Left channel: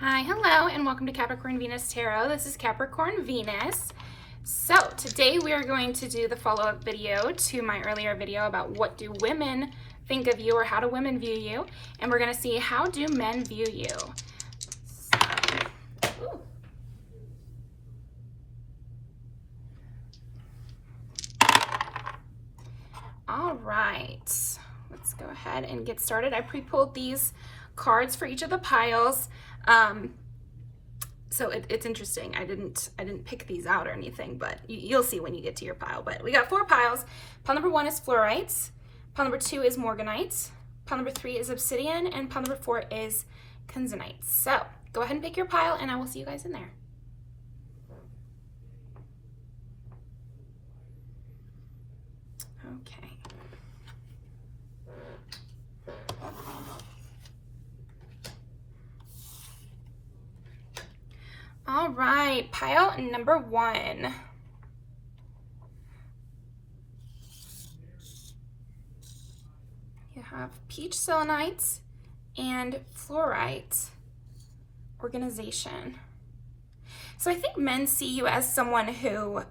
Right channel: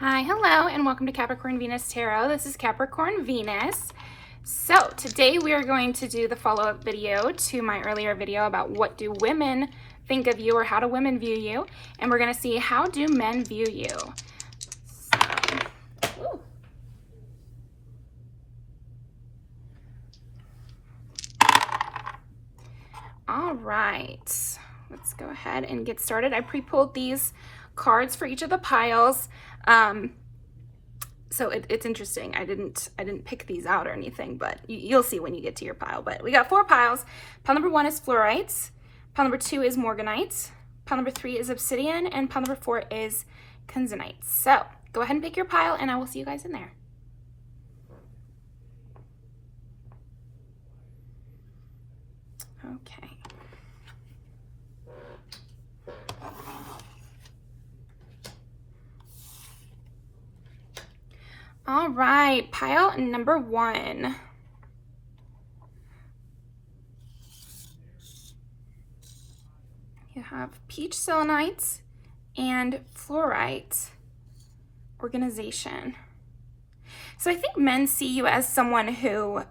Hi, hello, and welcome to Capricorn Venus Tarot. This is Capricorn Venus. So today we are going to do the follow-up video to my earlier video about what do women think of you or how do women view you, and we're going to see how do men view you. So, all right, let's go ahead and get started. I pre-pulled these cards for each of the piles. So it's interesting. I didn't pick these out or anything, but you'll see when you get to your pile. But we got 4 piles. Pile number 1 is fluorites. Pile number 2 is morganite. Pile number 3 is obsidian, and pile number 4 is kenzonite. So go ahead and pick your pile, and I will see you guys in there. Okay. All right, pile number 1. You have peach selenite and fluorite organization. So I think men see you as someone who,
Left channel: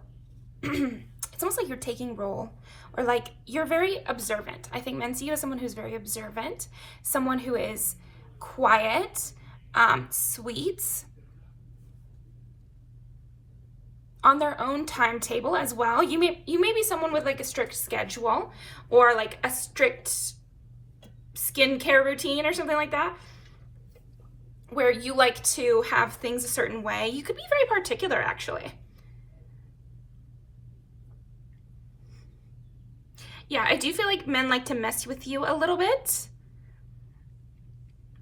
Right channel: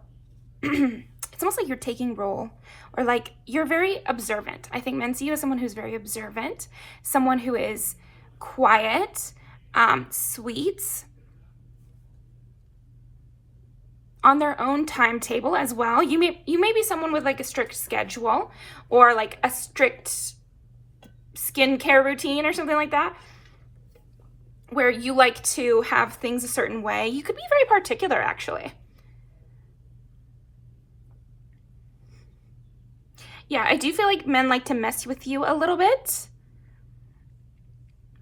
it's almost like you're taking role, or like you're very observant. I think men see you as someone who's very observant, someone who is quiet, sweet, on their own timetable as well. You may be someone with like a strict schedule or like a strict skincare routine or something like that, where you like to have things a certain way. You could be very particular, actually. Yeah, I do feel like men like to mess with you a little bit.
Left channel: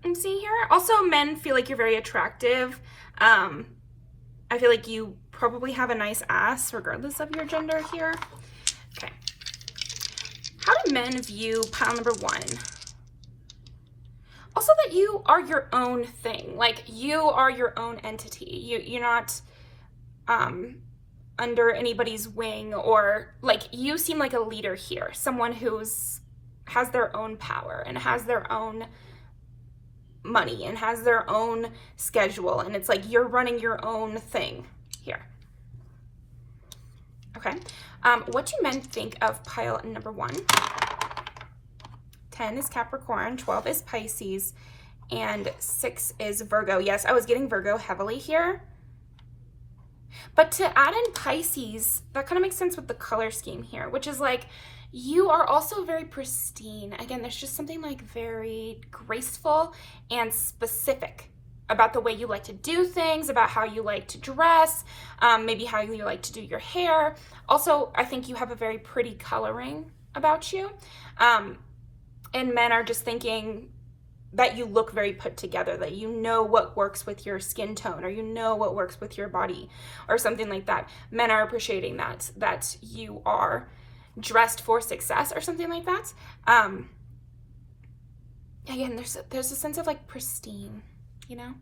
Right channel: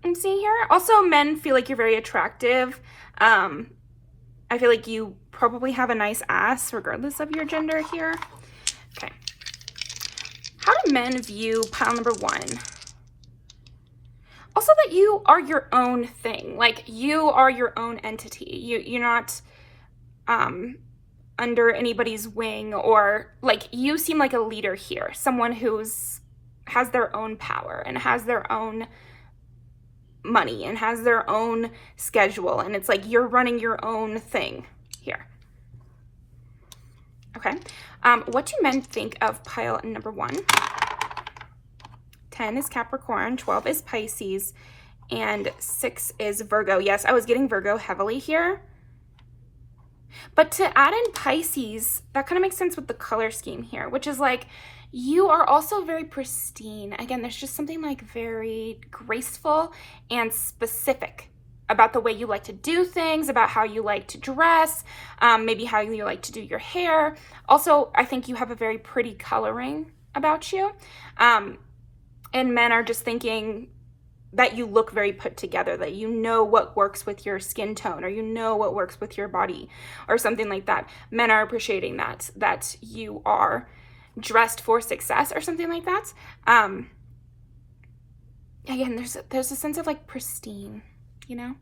I'm seeing here. Also, men feel like you're very attractive. I feel like you probably have a nice ass regardless of your gender here. Okay. How do men view pile number 1? Also that you are your own thing. Like you are your own entity. You're not under anybody's wing, or like you seem like a leader here. Someone has their own power and has their own money and has their own schedule, and it's like you're running your own thing here. Okay. What do men think of pile number 1? 10 is Capricorn, 12 is Pisces, and 6 is Virgo. Yes, I was getting Virgo heavily here. But to add in Pisces, that kind of makes sense with the color scheme here, which is like you are also very pristine. Again, there's just something like very graceful and specific about the way you like to do things, about how you like to dress, maybe how you like to do your hair. Also, I think you have a very pretty coloring about you. And men are just thinking that you look very put together, that you know what works with your skin tone, or you know what works with your body, or something like that. Men are appreciating that you are dressed for success or something like that. Again, there's a sense of like pristine, you know,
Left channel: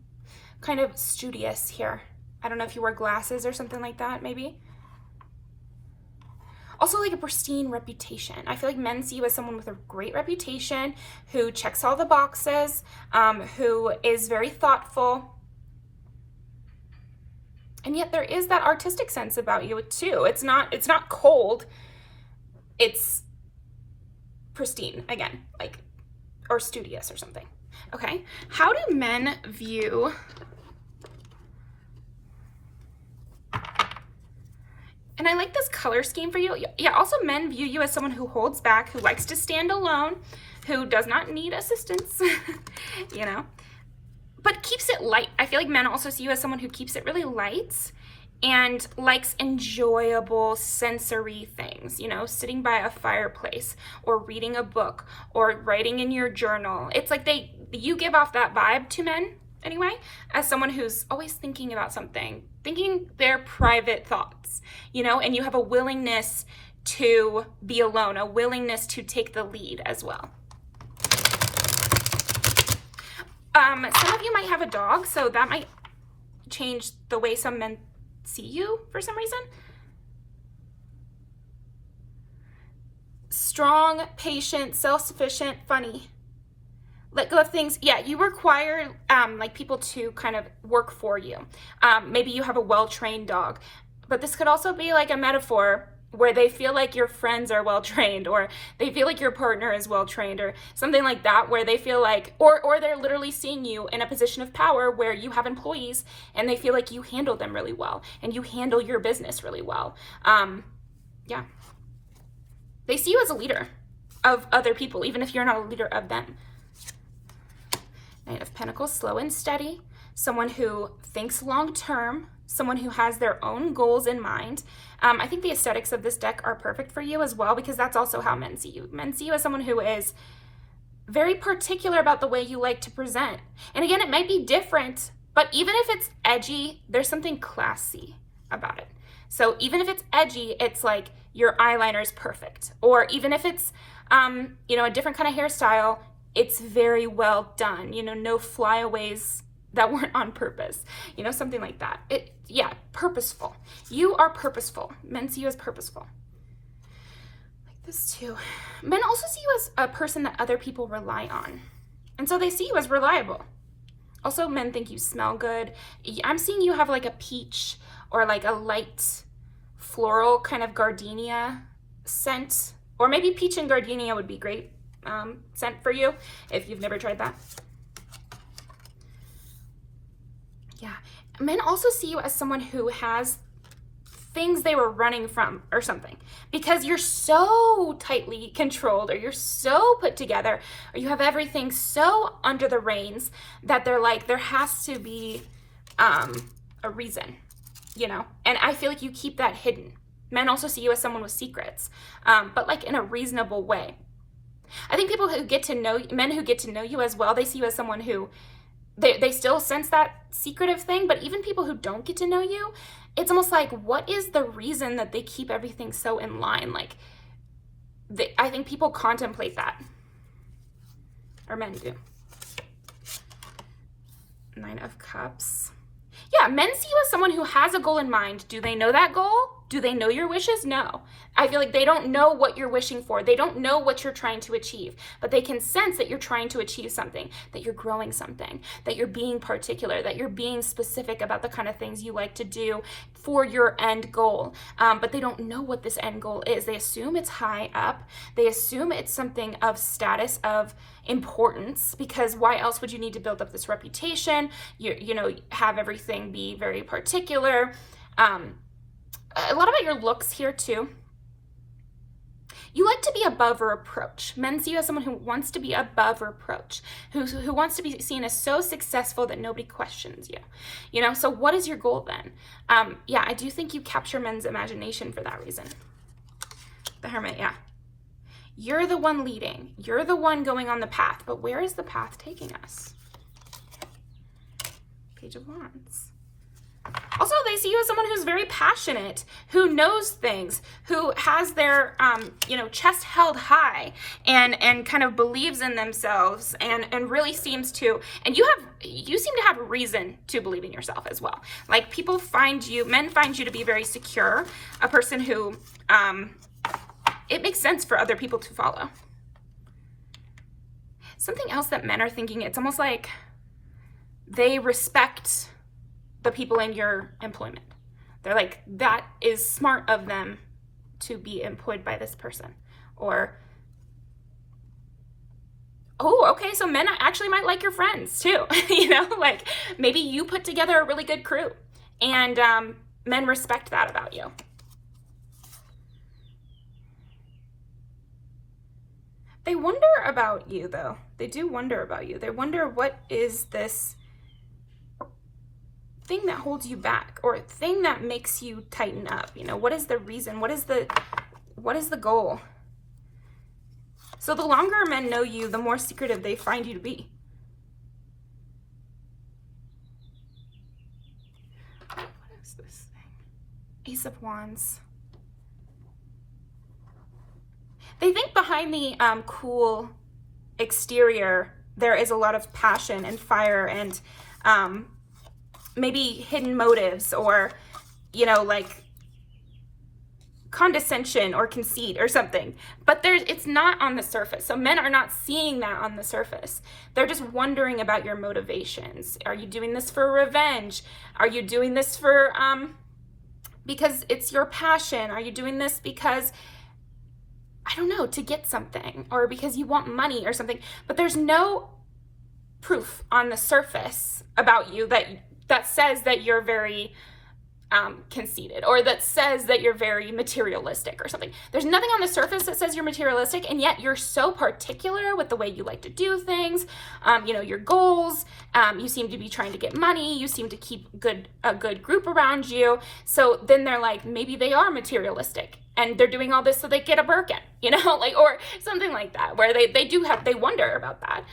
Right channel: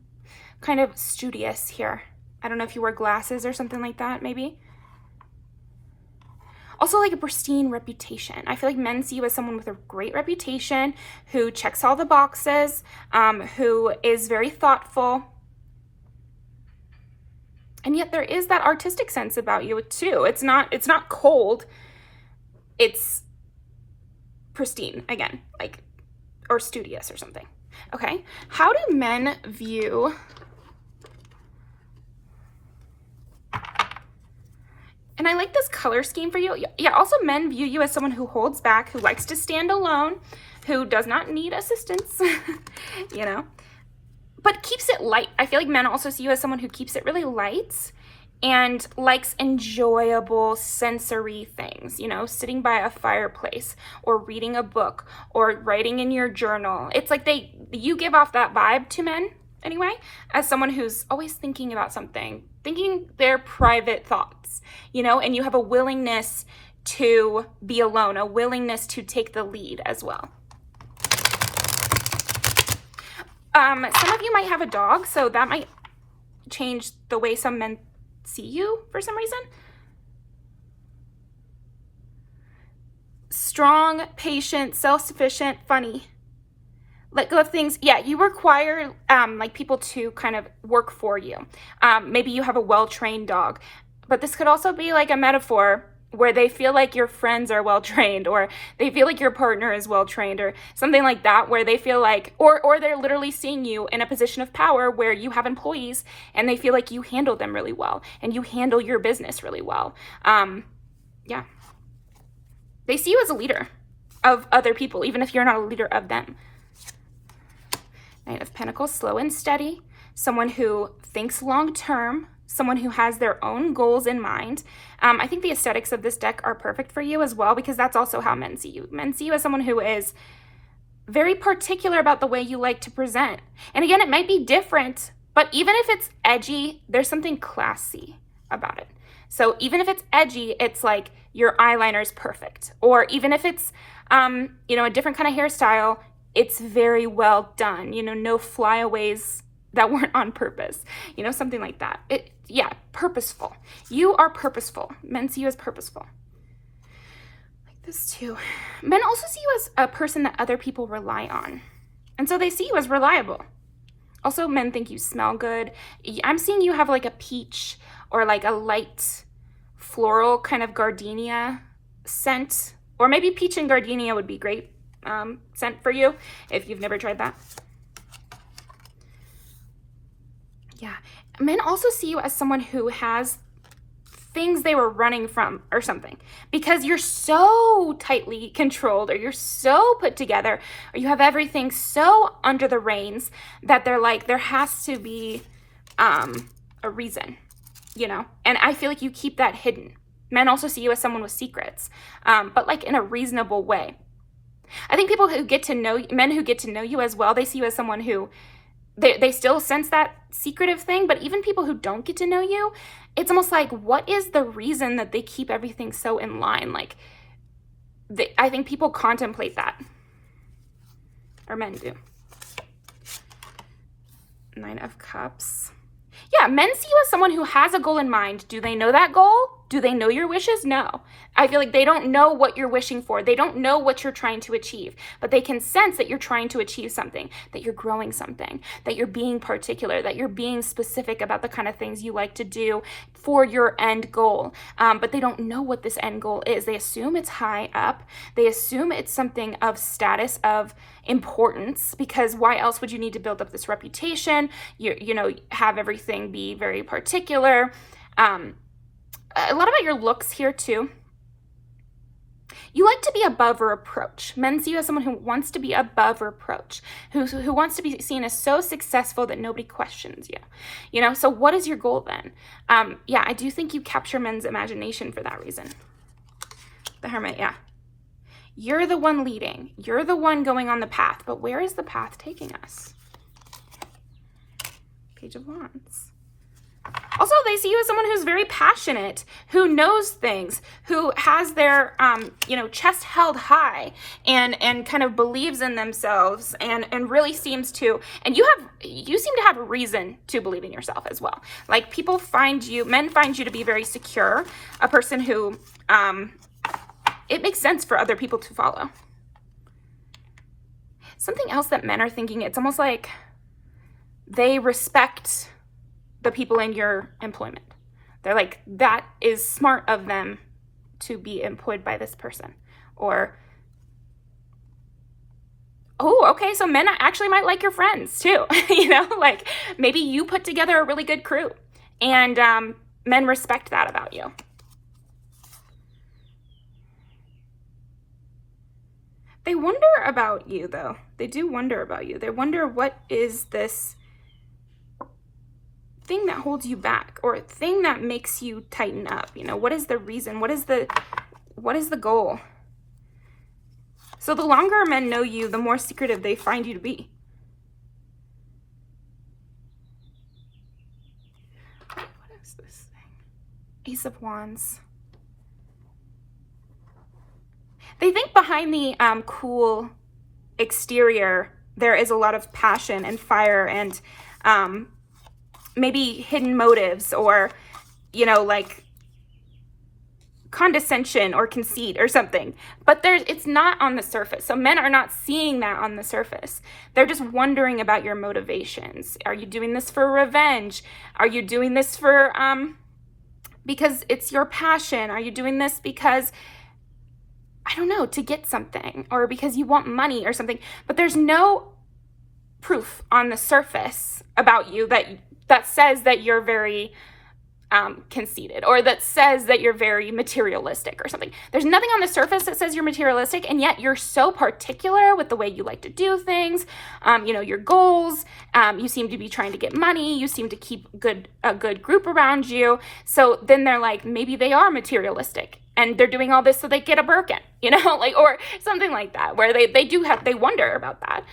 kind of studious here. I don't know if you wear glasses or something like that, maybe. Also like a pristine reputation. I feel like men see you as someone with a great reputation, who checks all the boxes, who is very thoughtful. And yet there is that artistic sense about you too. It's not cold. It's pristine, again, like, or studious or something. Okay, how do men view and I like this color scheme for you. Yeah, also men view you as someone who holds back, who likes to stand alone, who does not need assistance, you know, but keeps it light. I feel like men also see you as someone who keeps it really light and likes enjoyable sensory things, you know, sitting by a fireplace or reading a book or writing in your journal. It's like you give off that vibe to men anyway, as someone who's always thinking about something, thinking their private thoughts, you know, and you have a willingness to be alone, a willingness to take the lead as well. Some of you might have a dog, so that might change the way some men see you for some reason. Strong, patient, self-sufficient, funny. let go of things. Yeah, you require like people to kind of work for you. Maybe you have a well-trained dog, but this could also be like a metaphor where they feel like your friends are well-trained, or they feel like your partner is well-trained, or something like that, where they feel like, or they're literally seeing you in a position of power where you have employees and they feel like you handle them really well and you handle your business really well. Yeah. They see you as a leader of other people, even if you're not a leader of them. Knight of Pentacles, slow and steady, someone who thinks long-term, someone who has their own goals in mind. I think the aesthetics of this deck are perfect for you as well, because that's also how men see you. Men see you as someone who is very particular about the way you like to present. And again, it might be different, but even if it's edgy, there's something classy about it. So even if it's edgy, it's like your eyeliner is perfect. Or even if it's, you know, a different kind of hairstyle, it's very well done. You know, no flyaways that weren't on purpose, you know, something like that. Yeah, purposeful. You are purposeful. Men see you as purposeful. Like this too. Men also see you as a person that other people rely on. And so they see you as reliable. Also, men think you smell good. I'm seeing you have like a peach or like a light floral kind of gardenia scent, or maybe peach and gardenia would be great scent for you if you've never tried that. Yeah. Men also see you as someone who has things they were running from or something, because you're so tightly controlled, or you're so put together, or you have everything so under the reins that they're like, there has to be a reason, you know? And I feel like you keep that hidden. Men also see you as someone with secrets, but like in a reasonable way. I think people who get to know, men who get to know you as well, they see you as someone who, they still sense that secretive thing, but even people who don't get to know you, it's almost like, what is the reason that they keep everything so in line? Like, I think people contemplate that, or men do. Nine of Cups. Yeah, men see you as someone who has a goal in mind. Do they know that goal? Do they know your wishes? No. I feel like they don't know what you're wishing for. They don't know what you're trying to achieve, but they can sense that you're trying to achieve something, that you're growing something, that you're being particular, that you're being specific about the kind of things you like to do for your end goal. But they don't know what this end goal is. They assume it's high up. They assume it's something of status, of importance, because why else would you need to build up this reputation? You know, have everything be very particular. A lot about your looks here too. You like to be above reproach. Men see you as someone who wants to be above reproach, who wants to be seen as so successful that nobody questions you. You know, so what is your goal then? Yeah, I do think you capture men's imagination for that reason. The Hermit, yeah. You're the one leading. You're the one going on the path, but where is the path taking us? Page of Wands. Also, they see you as someone who's very passionate, who knows things, who has their, you know, chest held high, and kind of believes in themselves, and really seems to, and you seem to have reason to believe in yourself as well. Like, people find you, men find you to be very secure, a person who, it makes sense for other people to follow. Something else that men are thinking, it's almost like they respect the people in your employment. They're like, that is smart of them to be employed by this person. Or, oh, okay, so men actually might like your friends too. You know, like maybe you put together a really good crew, and men respect that about you. They wonder about you though. They do wonder about you. They wonder, what is this thing that holds you back, or thing that makes you tighten up? You know, what is the reason? What is the goal? So the longer men know you, the more secretive they find you to be. What is this thing? Ace of Wands. They think behind the cool exterior, there is a lot of passion and fire, and maybe hidden motives, or, you know, like condescension or conceit or something, but it's not on the surface. So men are not seeing that on the surface. They're just wondering about your motivations. Are you doing this for revenge? Are you doing this for because it's your passion? Are you doing this because, I don't know, to get something, or because you want money or something? But there's no proof on the surface about you that says that you're very conceited, or that says that you're very materialistic or something. There's nothing on the surface that says you're materialistic, and yet you're so particular with the way you like to do things, your goals. You seem to be trying to get money. You seem to keep a good group around you. So then they're like, maybe they are materialistic and they're doing all this so they get a Birkin, or something like that, where they wonder about that.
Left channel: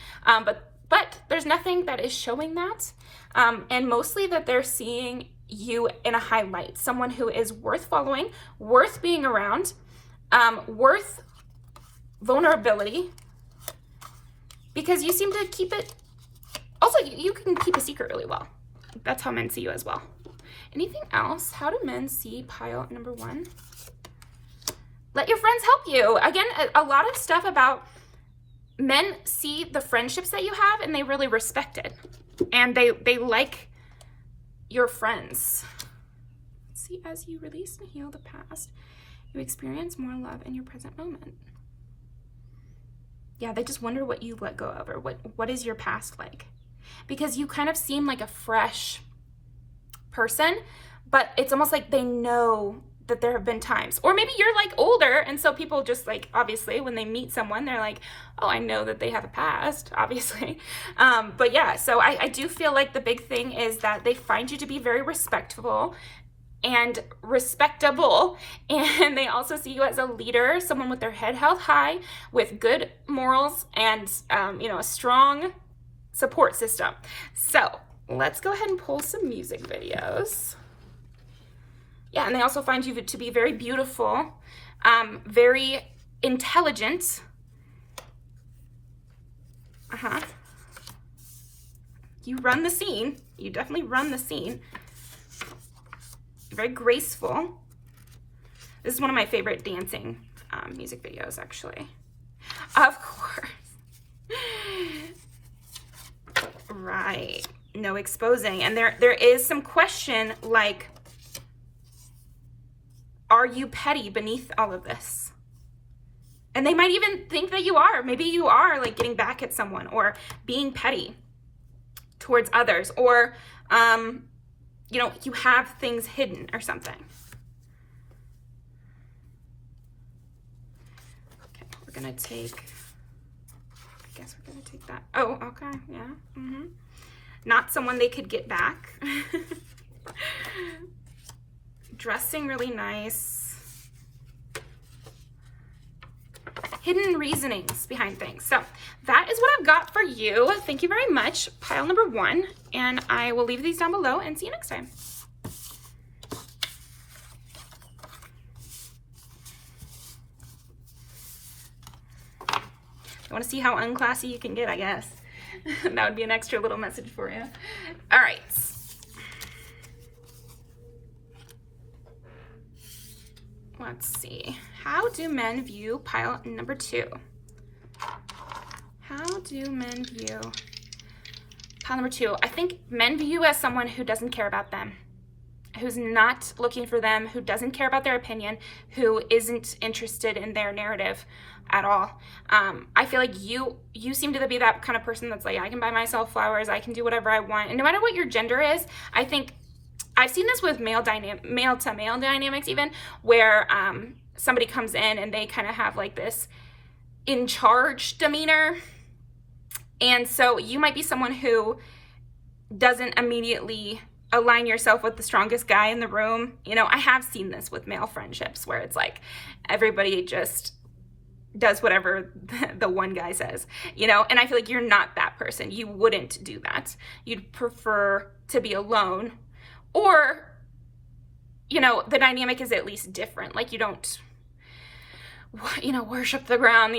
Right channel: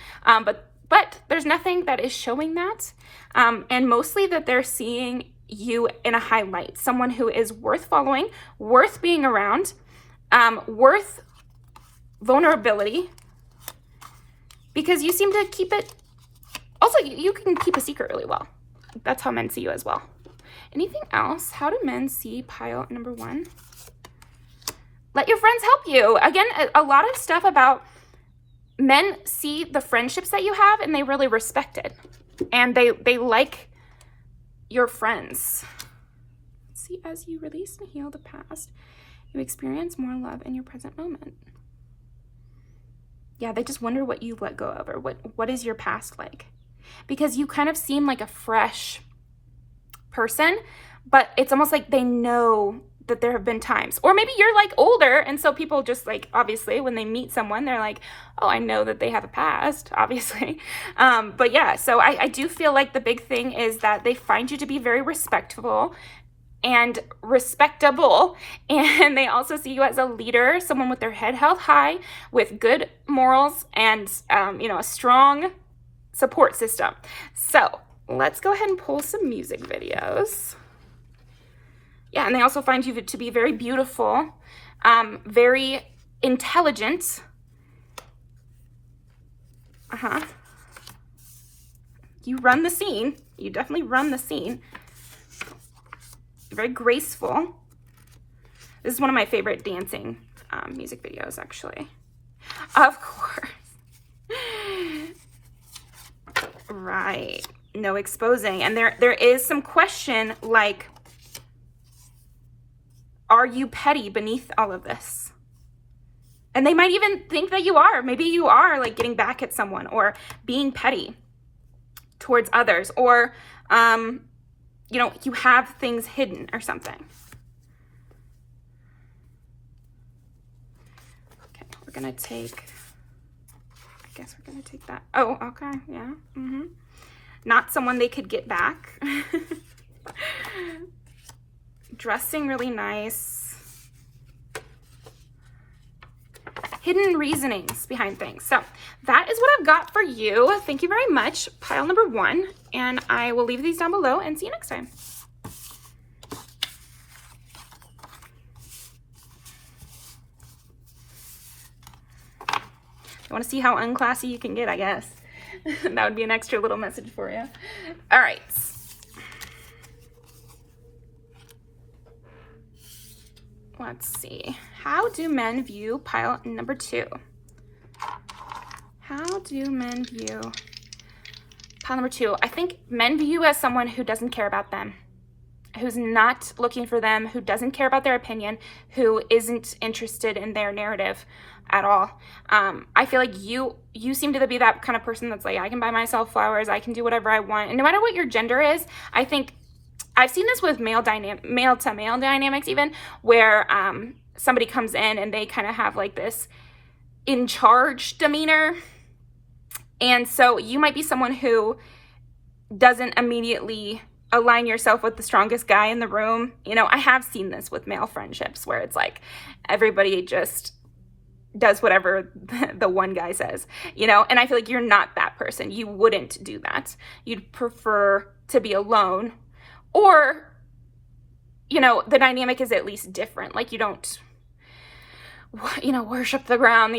But there's nothing that is showing that. And mostly that they're seeing you in a highlight, someone who is worth following, worth being around, worth vulnerability, because you seem to keep it. Also, you can keep a secret really well. That's how men see you as well. Anything else? How do men see pile number 1? Let your friends help you. Again, a lot of stuff about men see the friendships that you have, and they really respect it, and they like your friends. Let's see, as you release and heal the past, you experience more love in your present moment. Yeah, they just wonder what you let go of, or what is your past like, because you kind of seem like a fresh person, but it's almost like they know that there have been times, or maybe you're like older, and so people just like, obviously when they meet someone, they're like, oh, I know that they have a past, obviously. But yeah, so I do feel like the big thing is that they find you to be very respectful and respectable, and they also see you as a leader, someone with their head held high, with good morals, and a strong support system. So let's go ahead and pull some music videos. Yeah, and they also find you to be very beautiful, very intelligent. You run the scene. You definitely run the scene. Very graceful. This is one of my favorite dancing music videos, actually. Of course. Right. No exposing. And there is some question like, are you petty beneath all of this? And they might even think that you are. Maybe you are like getting back at someone, or being petty towards others, or, you have things hidden or something. Okay, we're going to take, I guess we're going to take that. Oh, okay. Yeah. Not someone they could get back. Dressing really nice. Hidden reasonings behind things. So that is what I've got for you. Thank you very much. Pile number 1. And I will leave these down below and see you next time. You want to see how unclassy you can get, I guess. That would be an extra little message for you. All right. Let's see. How do men view pile number 2? How do men view pile number 2? I think men view you as someone who doesn't care about them, who's not looking for them, who doesn't care about their opinion, who isn't interested in their narrative at all. I feel like you seem to be that kind of person that's like, I can buy myself flowers, I can do whatever I want. And no matter what your gender is, I think I've seen this with male to male dynamics even, where somebody comes in and they kind of have like this in charge demeanor. And so you might be someone who doesn't immediately align yourself with the strongest guy in the room. I have seen this with male friendships where it's like everybody just does whatever the one guy says, and I feel like you're not that person. You wouldn't do that. You'd prefer to be alone. Or, the dynamic is at least different. Like you don't, worship the ground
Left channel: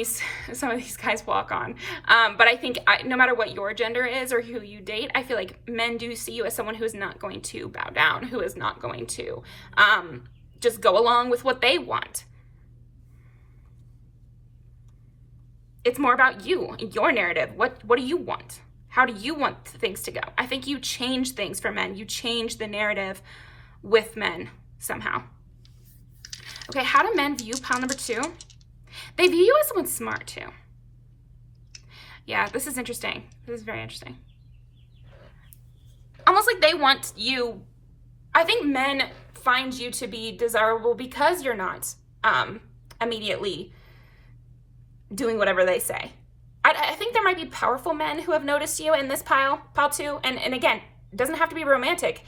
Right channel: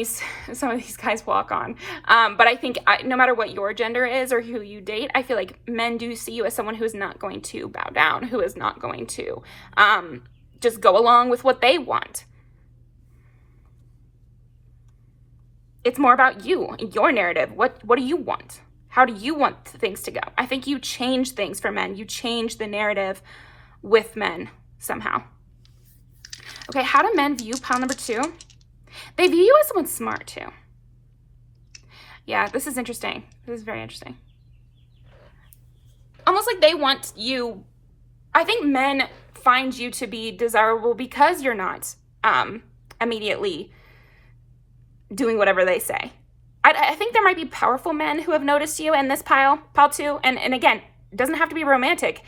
some of these guys walk on. But I think no matter what your gender is or who you date, I feel like men do see you as someone who is not going to bow down, who is not going to just go along with what they want. It's more about you, your narrative. What do you want? How do you want things to go? I think you change things for men. You change the narrative with men somehow. Okay, how do men view pile number 2? They view you as someone smart too. Yeah, this is interesting. This is very interesting. Almost like they want you. I think men find you to be desirable because you're not immediately doing whatever they say. I think there might be powerful men who have noticed you in this pile 2. And again, it doesn't have to be romantic.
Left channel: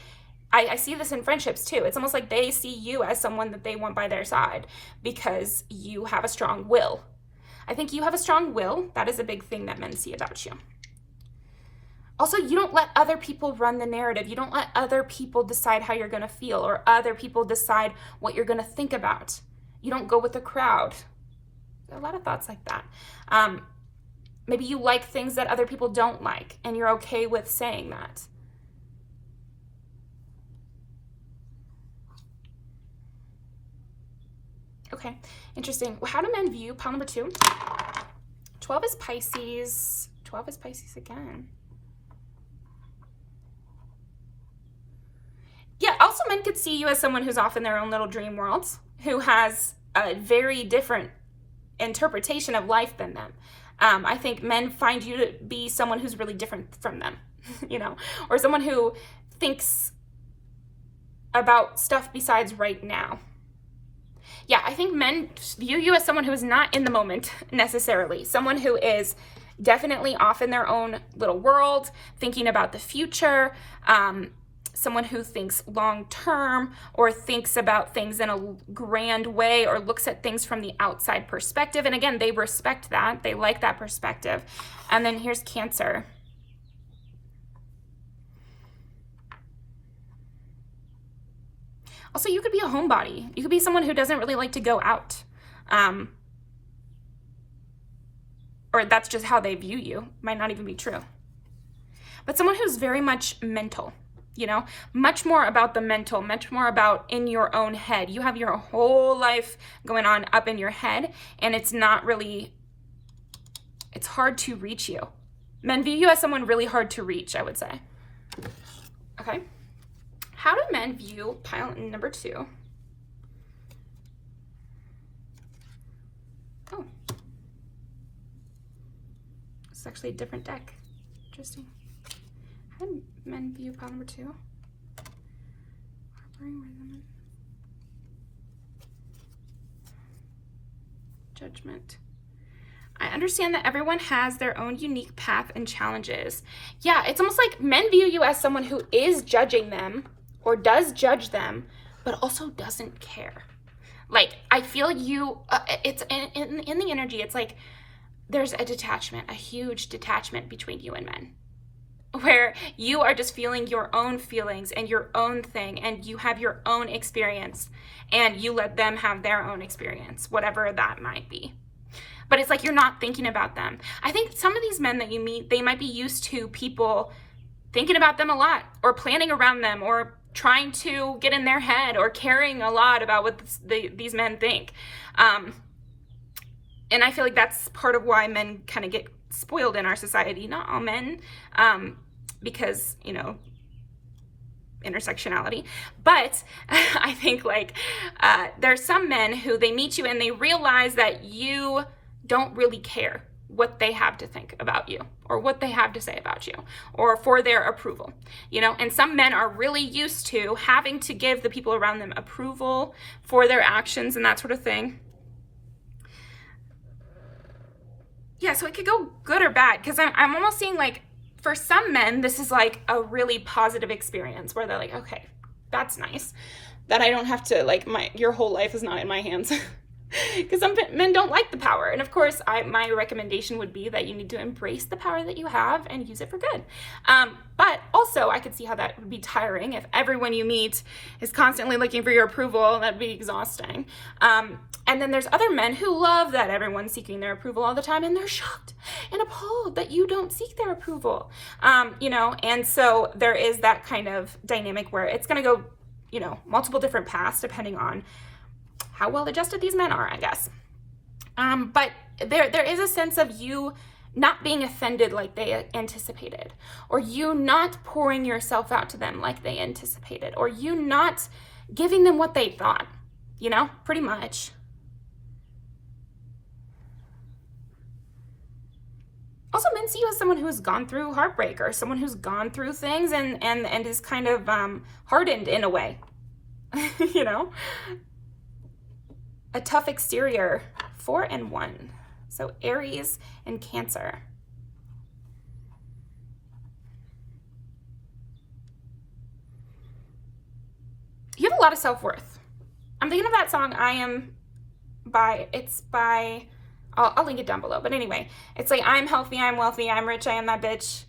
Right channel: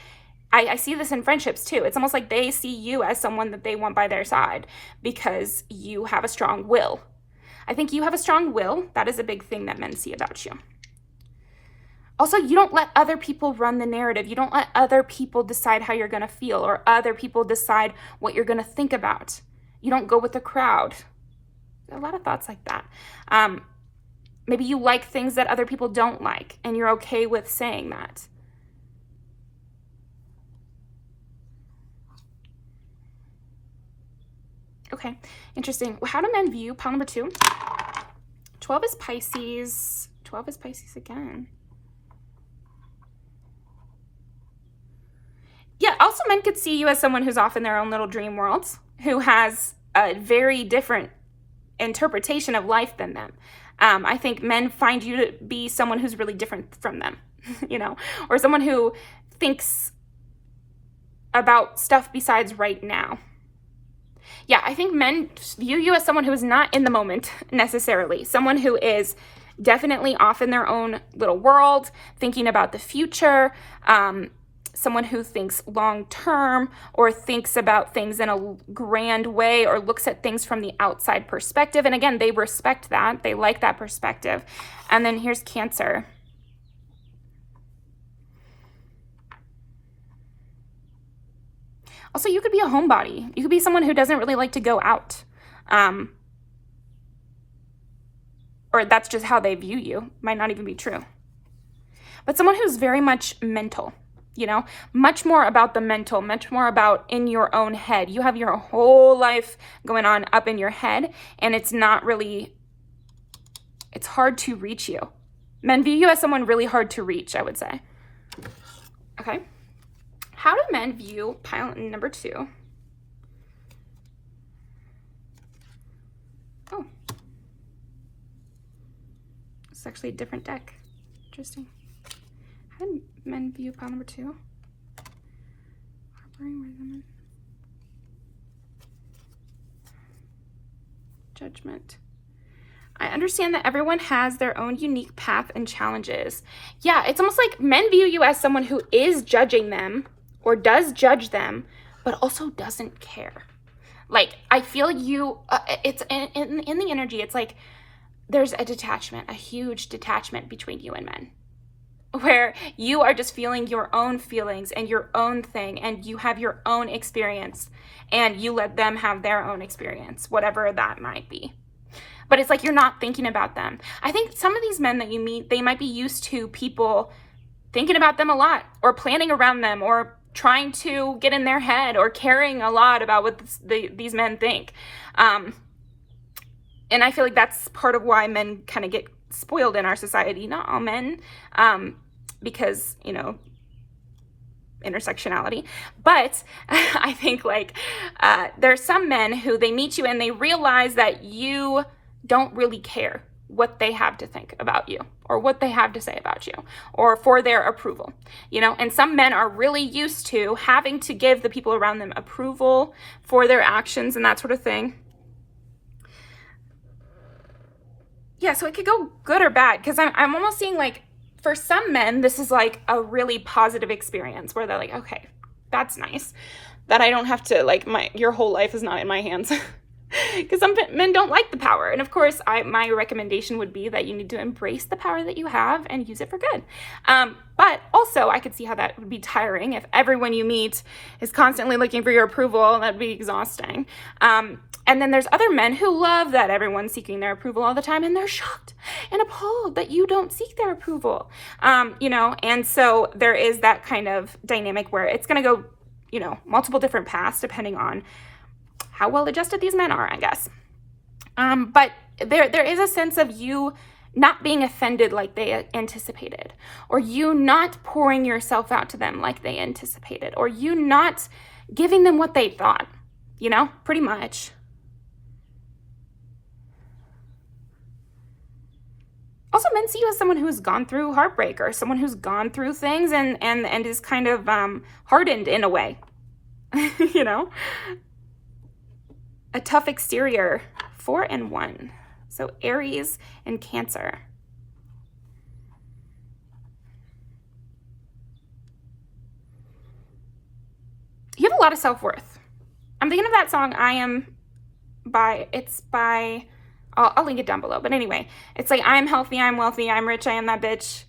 I see this in friendships too. It's almost like they see you as someone that they want by their side because you have a strong will. I think you have a strong will. That is a big thing that men see about you. Also, you don't let other people run the narrative. You don't let other people decide how you're going to feel or other people decide what you're going to think about. You don't go with the crowd. A lot of thoughts like that. Maybe you like things that other people don't like, and you're okay with saying that. Okay, interesting. How do men view pile number 2? 12 is Pisces. 12 is Pisces again. Yeah, also men could see you as someone who's off in their own little dream worlds, who has a very different interpretation of life than them. I think men find you to be someone who's really different from them, you know, or someone who thinks about stuff besides right now. Yeah, I think men view you as someone who is not in the moment necessarily, someone who is definitely off in their own little world, thinking about the future, someone who thinks long term or thinks about things in a grand way or looks at things from the outside perspective. And again, they respect that. They like that perspective. And then here's Cancer. Also, you could be a homebody. You could be someone who doesn't really like to go out. Or that's just how they view you. Might not even be true. But someone who's very much mental. You know, much more about the mental, much more about in your own head. You have your whole life going on up in your head, and it's not really, it's hard to reach you. Men view you as someone really hard to reach, I would say. Okay. How do men view pile number 2? Oh. It's actually a different deck. Interesting. How do men view pile number 2? Judgment. I understand that everyone has their own unique path and challenges. Yeah, it's almost like men view you as someone who is judging them or does judge them, but also doesn't care. Like, I feel you, it's in the energy, it's like there's a detachment, a huge detachment between you and men, where you are just feeling your own feelings and your own thing, and you have your own experience, and you let them have their own experience, whatever that might be. But it's like you're not thinking about them. I think some of these men that you meet, they might be used to people thinking about them a lot, or planning around them, or trying to get in their head, or caring a lot about what these men think. And I feel like that's part of why men kind of get spoiled in our society. Not all men, because, you know, intersectionality. But I think like there's some men who they meet you and they realize that you don't really care what they have to think about you or what they have to say about you or for their approval, you know. And some men are really used to having to give the people around them approval for their actions and that sort of thing. Yeah, so it could go good or bad, because I'm almost seeing like for some men, this is like a really positive experience where they're like, okay, that's nice that I don't have to, like, your whole life is not in my hands. Because some men don't like the power. And of course, my recommendation would be that you need to embrace the power that you have and use it for good. But also, I could see how that would be tiring if everyone you meet is constantly looking for your approval. That'd be exhausting. And then there's other men who love that everyone's seeking their approval all the time, and they're shocked and appalled that you don't seek their approval. You know, and so there is that kind of dynamic where it's going to go you know, multiple different paths depending on how well adjusted these men are, I guess. But there is a sense of you not being offended like they anticipated, or you not pouring yourself out to them like they anticipated, or you not giving them what they thought, you know, pretty much. Also, men see you as someone who's gone through heartbreak, or someone who's gone through things and is kind of hardened in a way, you know? A tough exterior, 4 and 1. So Aries and Cancer. You have a lot of self-worth. I'm thinking of that song, I Am by, it's by, I'll link it down below. But anyway, it's like, I'm healthy, I'm wealthy, I'm rich, I am that bitch.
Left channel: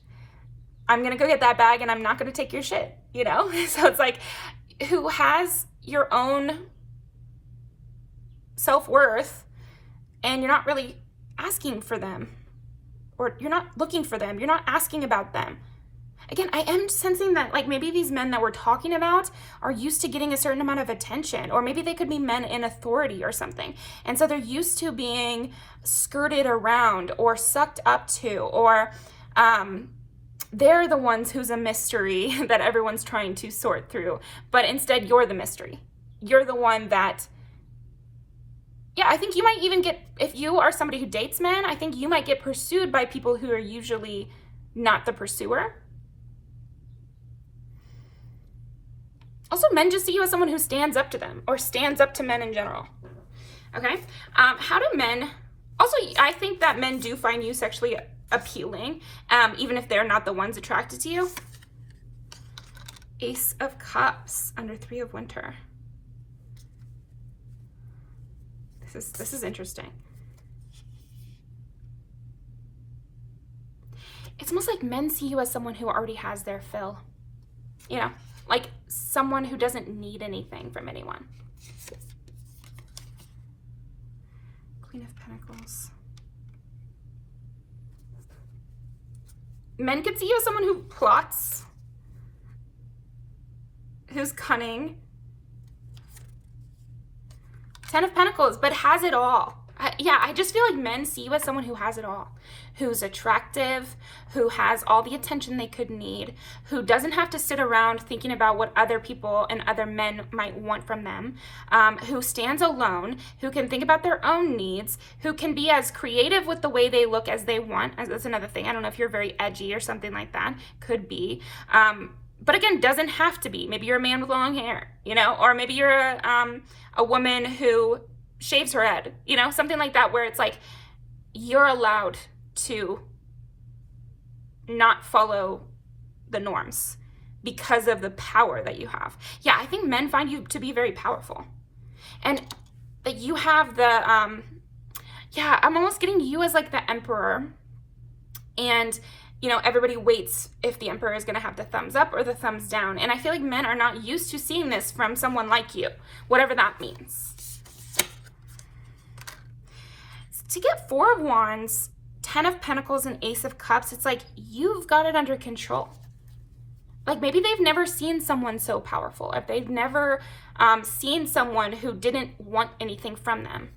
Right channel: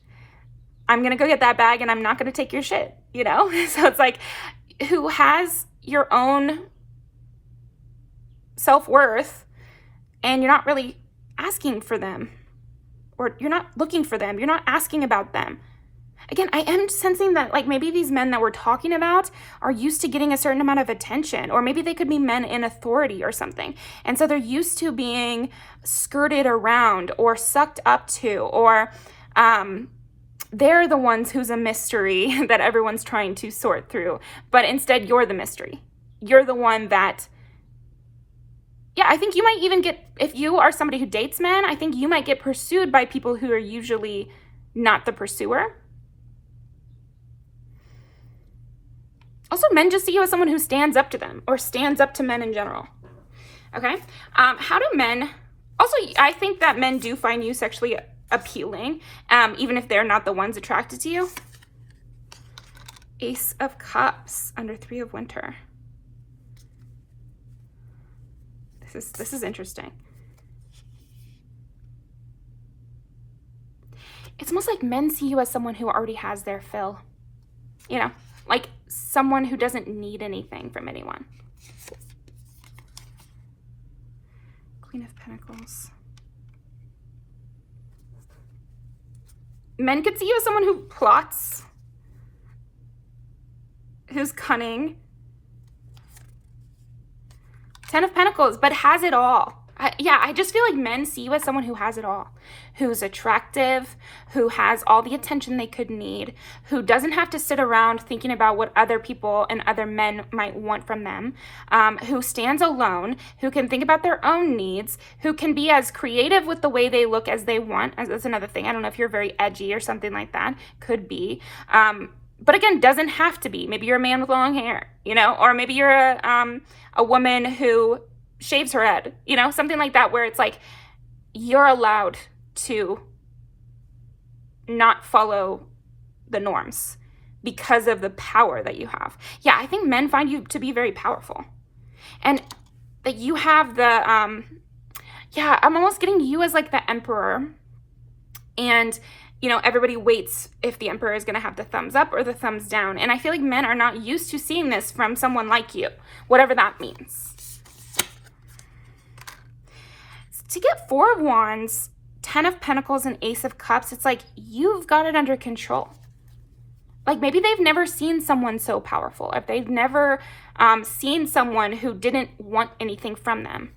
I'm going to go get that bag and I'm not going to take your shit, you know? So it's like, who has your own self-worth and you're not really asking for them, or you're not looking for them. You're not asking about them. Again, I am sensing that like maybe these men that we're talking about are used to getting a certain amount of attention, or maybe they could be men in authority or something. And so they're used to being skirted around or sucked up to, or they're the ones who's a mystery that everyone's trying to sort through. But instead, you're the mystery. You're the one that, yeah, I think you might even get, if you are somebody who dates men, I think you might get pursued by people who are usually not the pursuer. Also, men just see you as someone who stands up to them, or stands up to men in general. Okay? How do men, also, I think that men do find you sexually appealing, even if they're not the ones attracted to you. Ace of Cups under 3 of Winter. This is interesting. It's almost like men see you as someone who already has their fill. You know, like someone who doesn't need anything from anyone. Queen of Pentacles. Men could see you as someone who plots, who's cunning. 10 of Pentacles, but has it all. Yeah, I just feel like men see you as someone who has it all, who's attractive, who has all the attention they could need, who doesn't have to sit around thinking about what other people and other men might want from them, who stands alone, who can think about their own needs, who can be as creative with the way they look as they want. That's another thing. I don't know if you're very edgy or something like that. Could be. But again, doesn't have to be. Maybe you're a man with long hair, you know, or maybe you're a woman who shaves her head, you know, something like that, where it's like you're allowed to not follow the norms because of the power that you have. Yeah, I think men find you to be very powerful, and that you have the yeah, I'm almost getting you as like the emperor, and you know, everybody waits if the emperor is going to have the thumbs up or the thumbs down. And I feel like men are not used to seeing this from someone like you, whatever that means. To get 4 of Wands, 10 of Pentacles, and Ace of Cups, it's like you've got it under control. Like maybe they've never seen someone so powerful. If they've never seen someone who didn't want anything from them,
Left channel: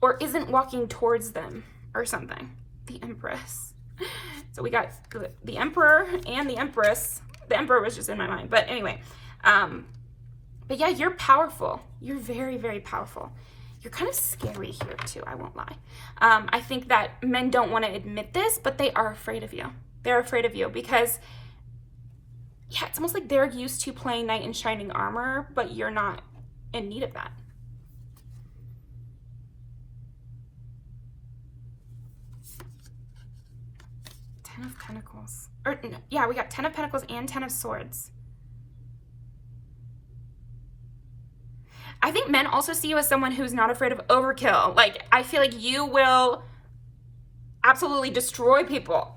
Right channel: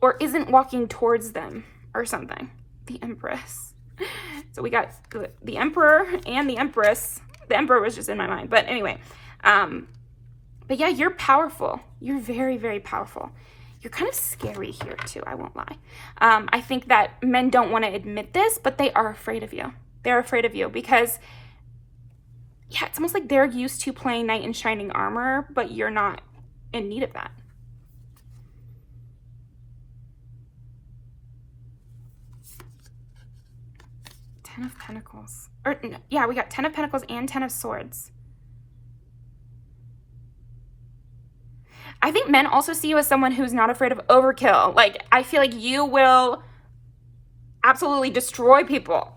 or isn't walking towards them or something. The Empress. So we got the Emperor and the Empress. The Emperor was just in my mind, but anyway. But yeah, you're powerful. You're very, very powerful. You're kind of scary here too, I won't lie. I think that men don't want to admit this, but they are afraid of you. They're afraid of you because, yeah, it's almost like they're used to playing knight in shining armor, but you're not in need of that. Ten of Pentacles. Or, yeah, we got 10 of Pentacles and 10 of Swords. I think men also see you as someone who's not afraid of overkill. Like, I feel like you will absolutely destroy people.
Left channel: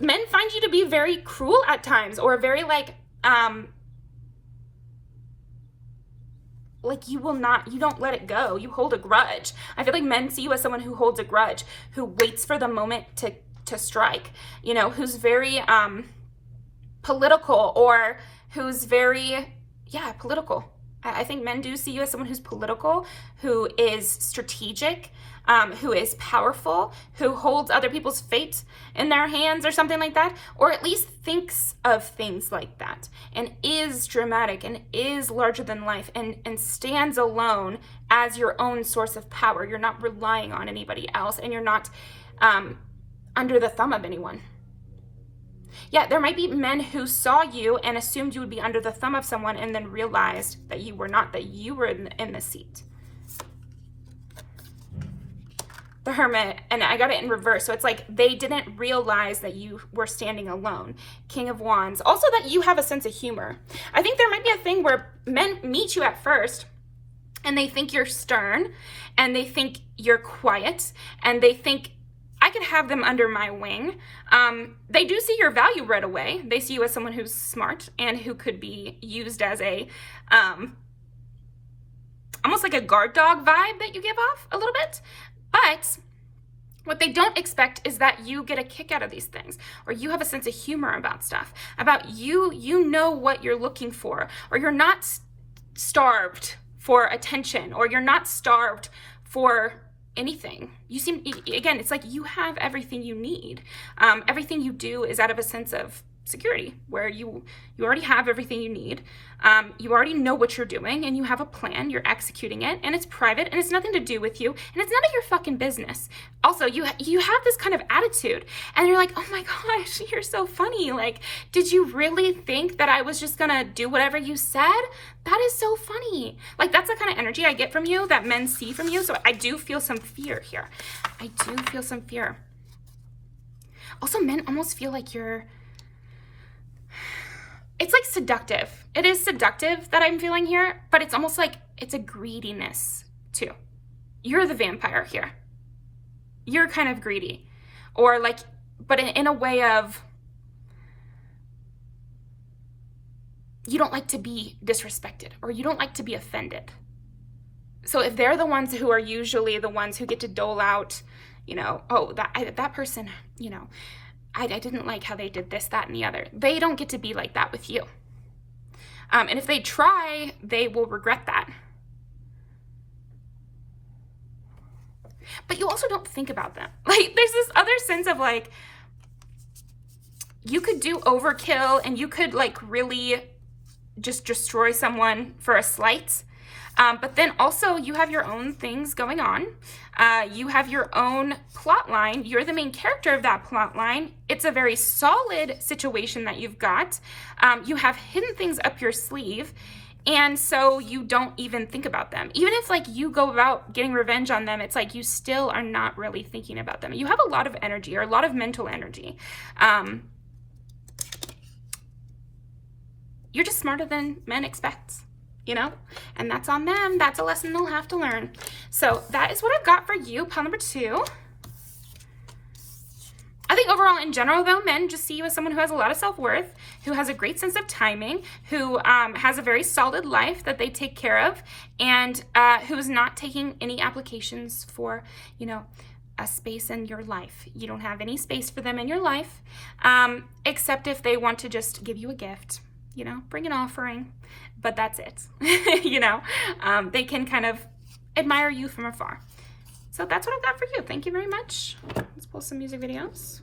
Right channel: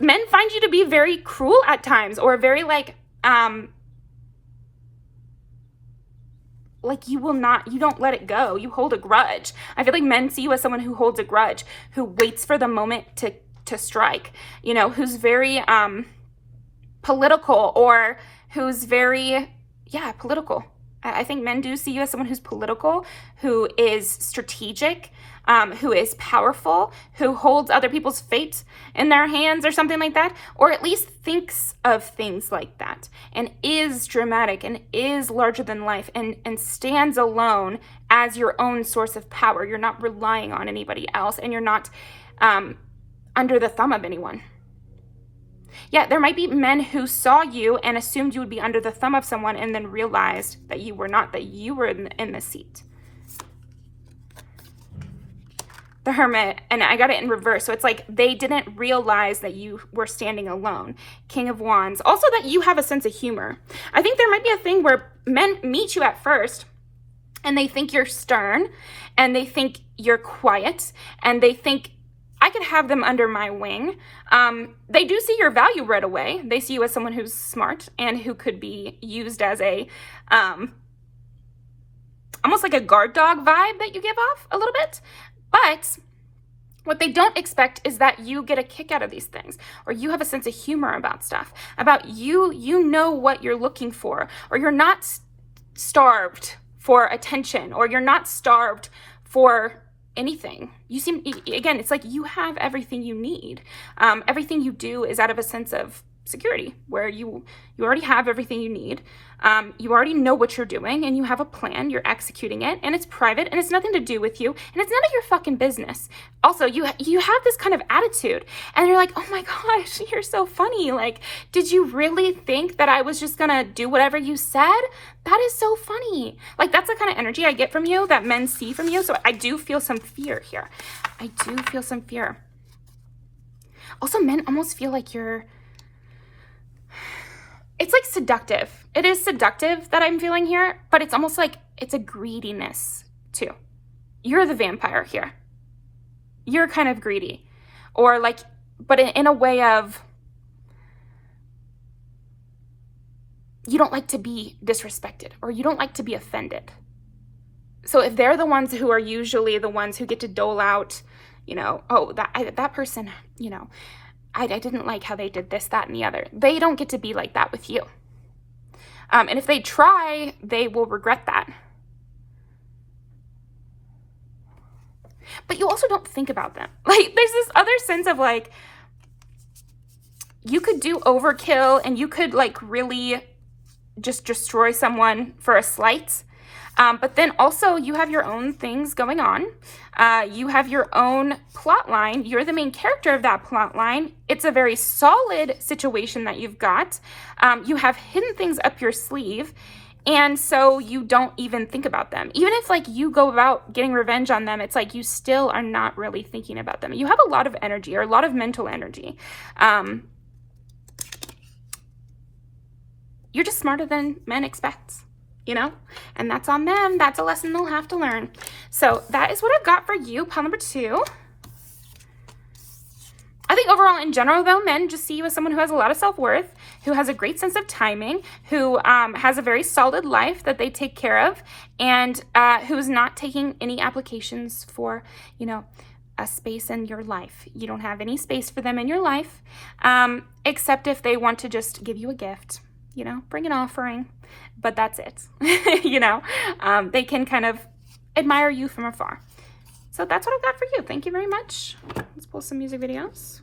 Men find you to be very cruel at times, or very like you will not, you don't let it go. You hold a grudge. I feel like men see you as someone who holds a grudge, who waits for the moment to strike, you know, who's very, political or who's very, yeah, political. I think men do see you as someone who's political, who is strategic, who is powerful, who holds other people's fate in their hands or something like that, or at least thinks of things like that, and is dramatic and is larger than life and stands alone as your own source of power. You're not relying on anybody else, and you're not under the thumb of anyone. Yeah, there might be men who saw you and assumed you would be under the thumb of someone and then realized that you were not, that you were in the seat. The Hermit, and I got it in reverse, so it's like they didn't realize that you were standing alone. King of Wands, also that you have a sense of humor. I think there might be a thing where men meet you at first and they think you're stern and they think you're quiet and they think, I could have them under my wing. They do see your value right away. They see you as someone who's smart and who could be used as a, almost like a guard dog vibe that you give off a little bit. But what they don't expect is that you get a kick out of these things, or you have a sense of humor about stuff, about you know what you're looking for, or you're not starved for attention, or you're not starved for anything. You seem, again, it's like you have everything you need. Everything you do is out of a sense of security, where you already have everything you need. You already know what you're doing, and you have a plan, you're executing it, and it's private, and it's nothing to do with you, and it's none of your fucking business. Also, you have this kind of attitude, and you're like, oh my gosh, you're so funny. Like, did you really think that I was just gonna do whatever you said? That is so funny. Like, that's the kind of energy I get from you, that men see from you, so I do feel some fear here. I do feel some fear. Also, men almost feel like you're, it's like seductive. It is seductive that I'm feeling here, but it's almost like it's a greediness too. You're the vampire here. You're kind of greedy, or like, but in a way of, you don't like to be disrespected, or you don't like to be offended. So if they're the ones who are usually the ones who get to dole out, you know, oh, that person, you know, I didn't like how they did this, that, and the other. They don't get to be like that with you. And if they try, they will regret that. But you also don't think about them. Like, there's this other sense of like, you could do overkill and you could like really just destroy someone for a slight. But then also you have your own things going on. You have your own plot line. You're the main character of that plot line. It's a very solid situation that you've got. You have hidden things up your sleeve. And so you don't even think about them. Even if like you go about getting revenge on them, it's like you still are not really thinking about them. You have a lot of energy, or a lot of mental energy. You're just smarter than men expect. You know, and that's on them. That's a lesson they'll have to learn. So that is what I've got for you, pile number 2. I think overall in general though, men just see you as someone who has a lot of self-worth, who has a great sense of timing, who has a very solid life that they take care of, and who's not taking any applications for, you know, a space in your life. You don't have any space for them in your life, except if they want to just give you a gift, you know, bring an offering. But that's it. You know, they can kind of admire you from afar. So that's what I've got for you. Thank you very much. Let's pull some music videos.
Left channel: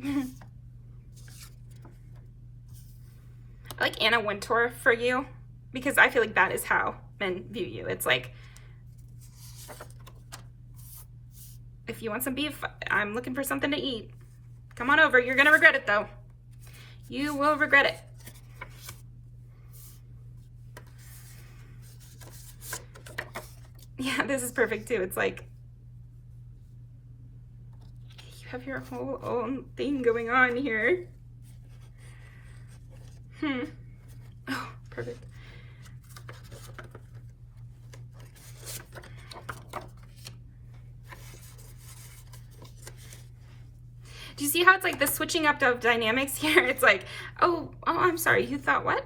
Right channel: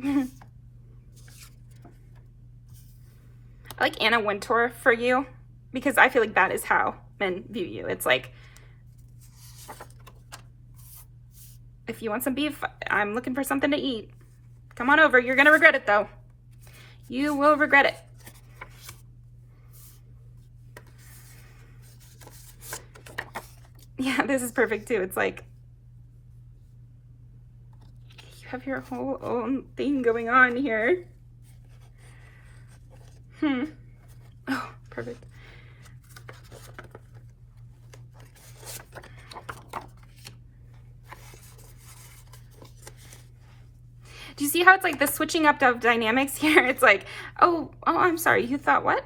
I like Anna Wintour for you, because I feel like that is how men view you. It's like, if you want some beef, I'm looking for something to eat. Come on over. You're going to regret it, though. You will regret it. Yeah, this is perfect, too. It's like, you have your whole own thing going on here. Oh, perfect. Do you see how it's like the switching up of dynamics here? It's like, oh, I'm sorry. You thought what?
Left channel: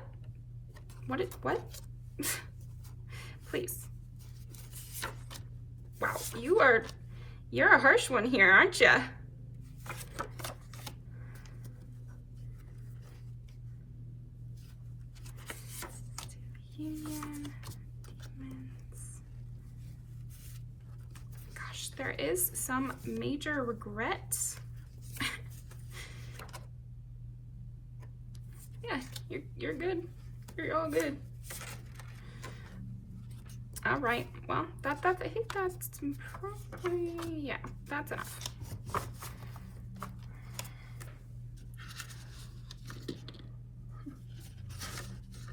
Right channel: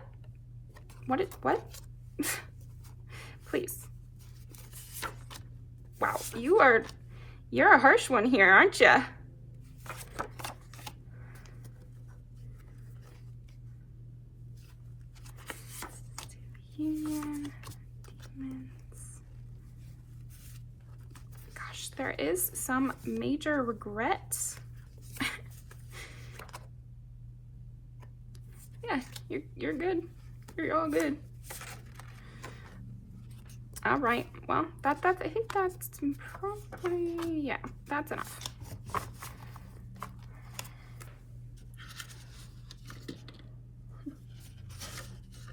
What? Please. You're a harsh one here, aren't you? Union, demons. Gosh, there is some major regret. Yeah, you're good. You're all good. All right. Well, I think that's probably, yeah, that's enough.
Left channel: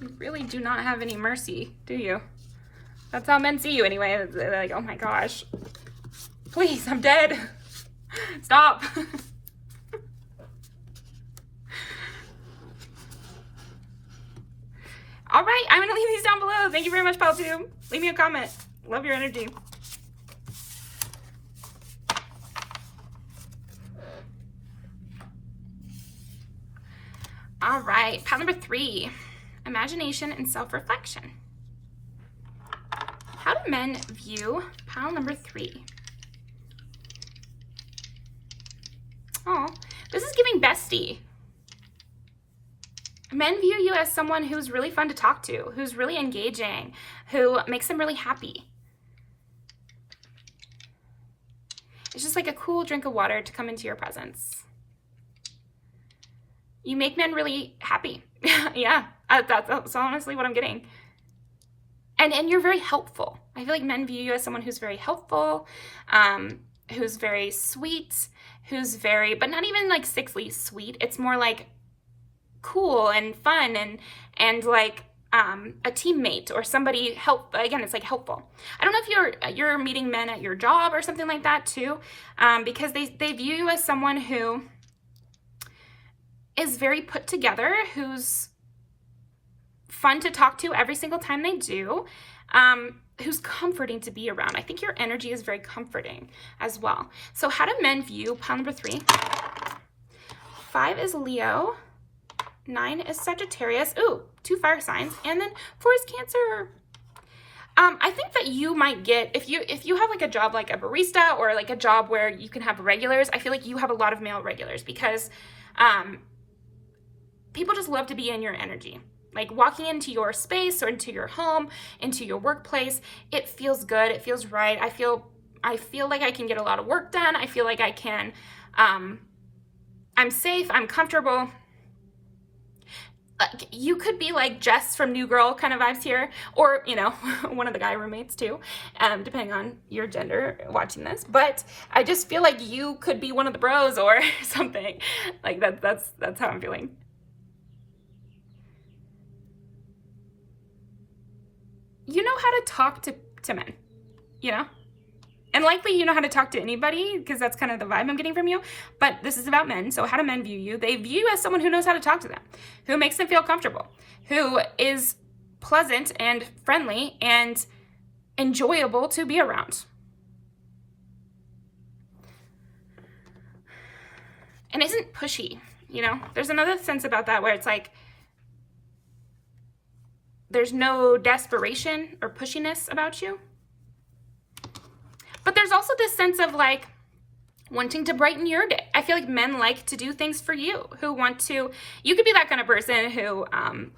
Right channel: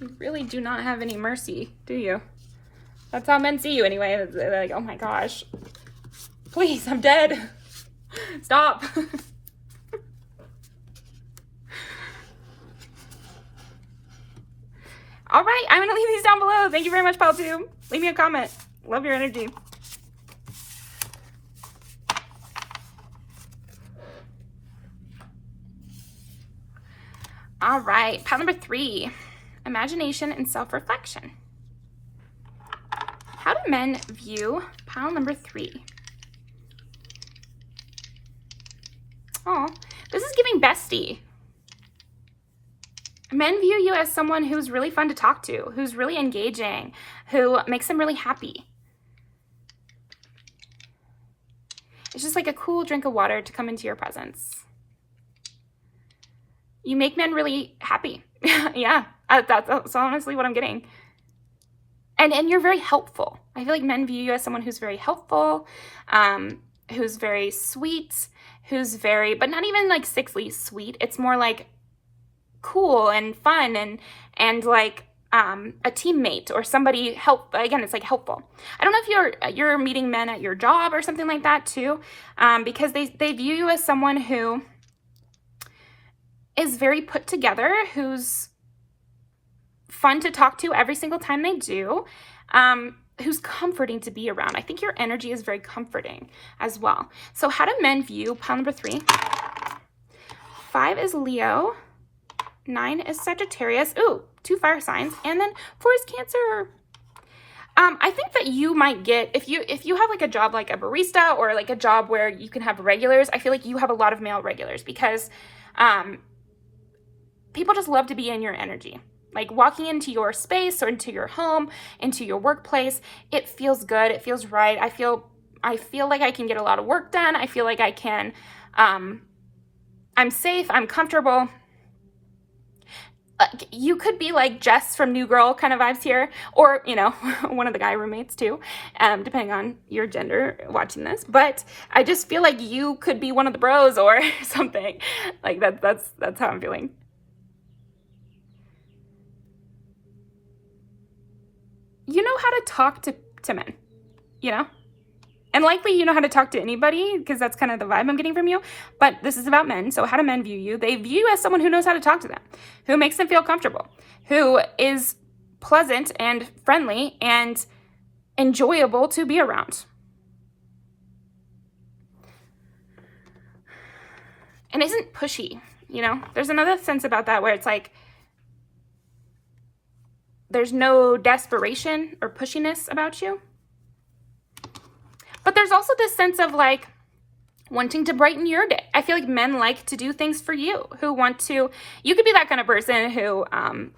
You really do not have any mercy, do you? That's how men see you anyway. They're like, oh my gosh, please, I'm dead. Stop. All right, I'm gonna leave these down below. Thank you very much, PalTube. Leave me a comment. Love your energy. All right, pile number 3, imagination and self-reflection. How do men view pile number 3? Oh, this is giving bestie. Men view you as someone who's really fun to talk to, who's really engaging, who makes them really happy. It's just like a cool drink of water to come into your presence. You make men really happy. Yeah, that's honestly what I'm getting. And you're very helpful. I feel like men view you as someone who's very helpful, who's very sweet, who's very, but not even like sickly sweet. It's more like cool and fun and like a teammate or somebody again, it's like helpful. I don't know if you're meeting men at your job or something like that too, because they view you as someone who is very put together, who's fun to talk to every single time they do, who's comforting to be around. I think your energy is very comforting as well. So how do men view pile number 3? 5 is Leo. 9 is Sagittarius. Ooh, 2 fire signs. And then 4 is Cancer. I think that you might get, if you have like a job like a barista or like a job where you can have regulars, I feel like you have a lot of male regulars because people just love to be in your energy. Like walking into your space or into your home, into your workplace, it feels good. It feels right. I feel like I can get a lot of work done. I feel like I can, I'm safe. I'm comfortable. You could be like Jess from New Girl kind of vibes here, or, you know, one of the guy roommates too, depending on your gender watching this. But I just feel like you could be one of the bros or something. Like that's how I'm feeling. You know how to talk to men, you know? And likely you know how to talk to anybody because that's kind of the vibe I'm getting from you. But this is about men. So how do men view you? They view you as someone who knows how to talk to them, who makes them feel comfortable, who is pleasant and friendly and enjoyable to be around. And isn't pushy, you know? There's another sense about that where it's like there's no desperation or pushiness about you. But there's also this sense of like wanting to brighten your day. I feel like men like to do things for you, who want to, you could be that kind of person who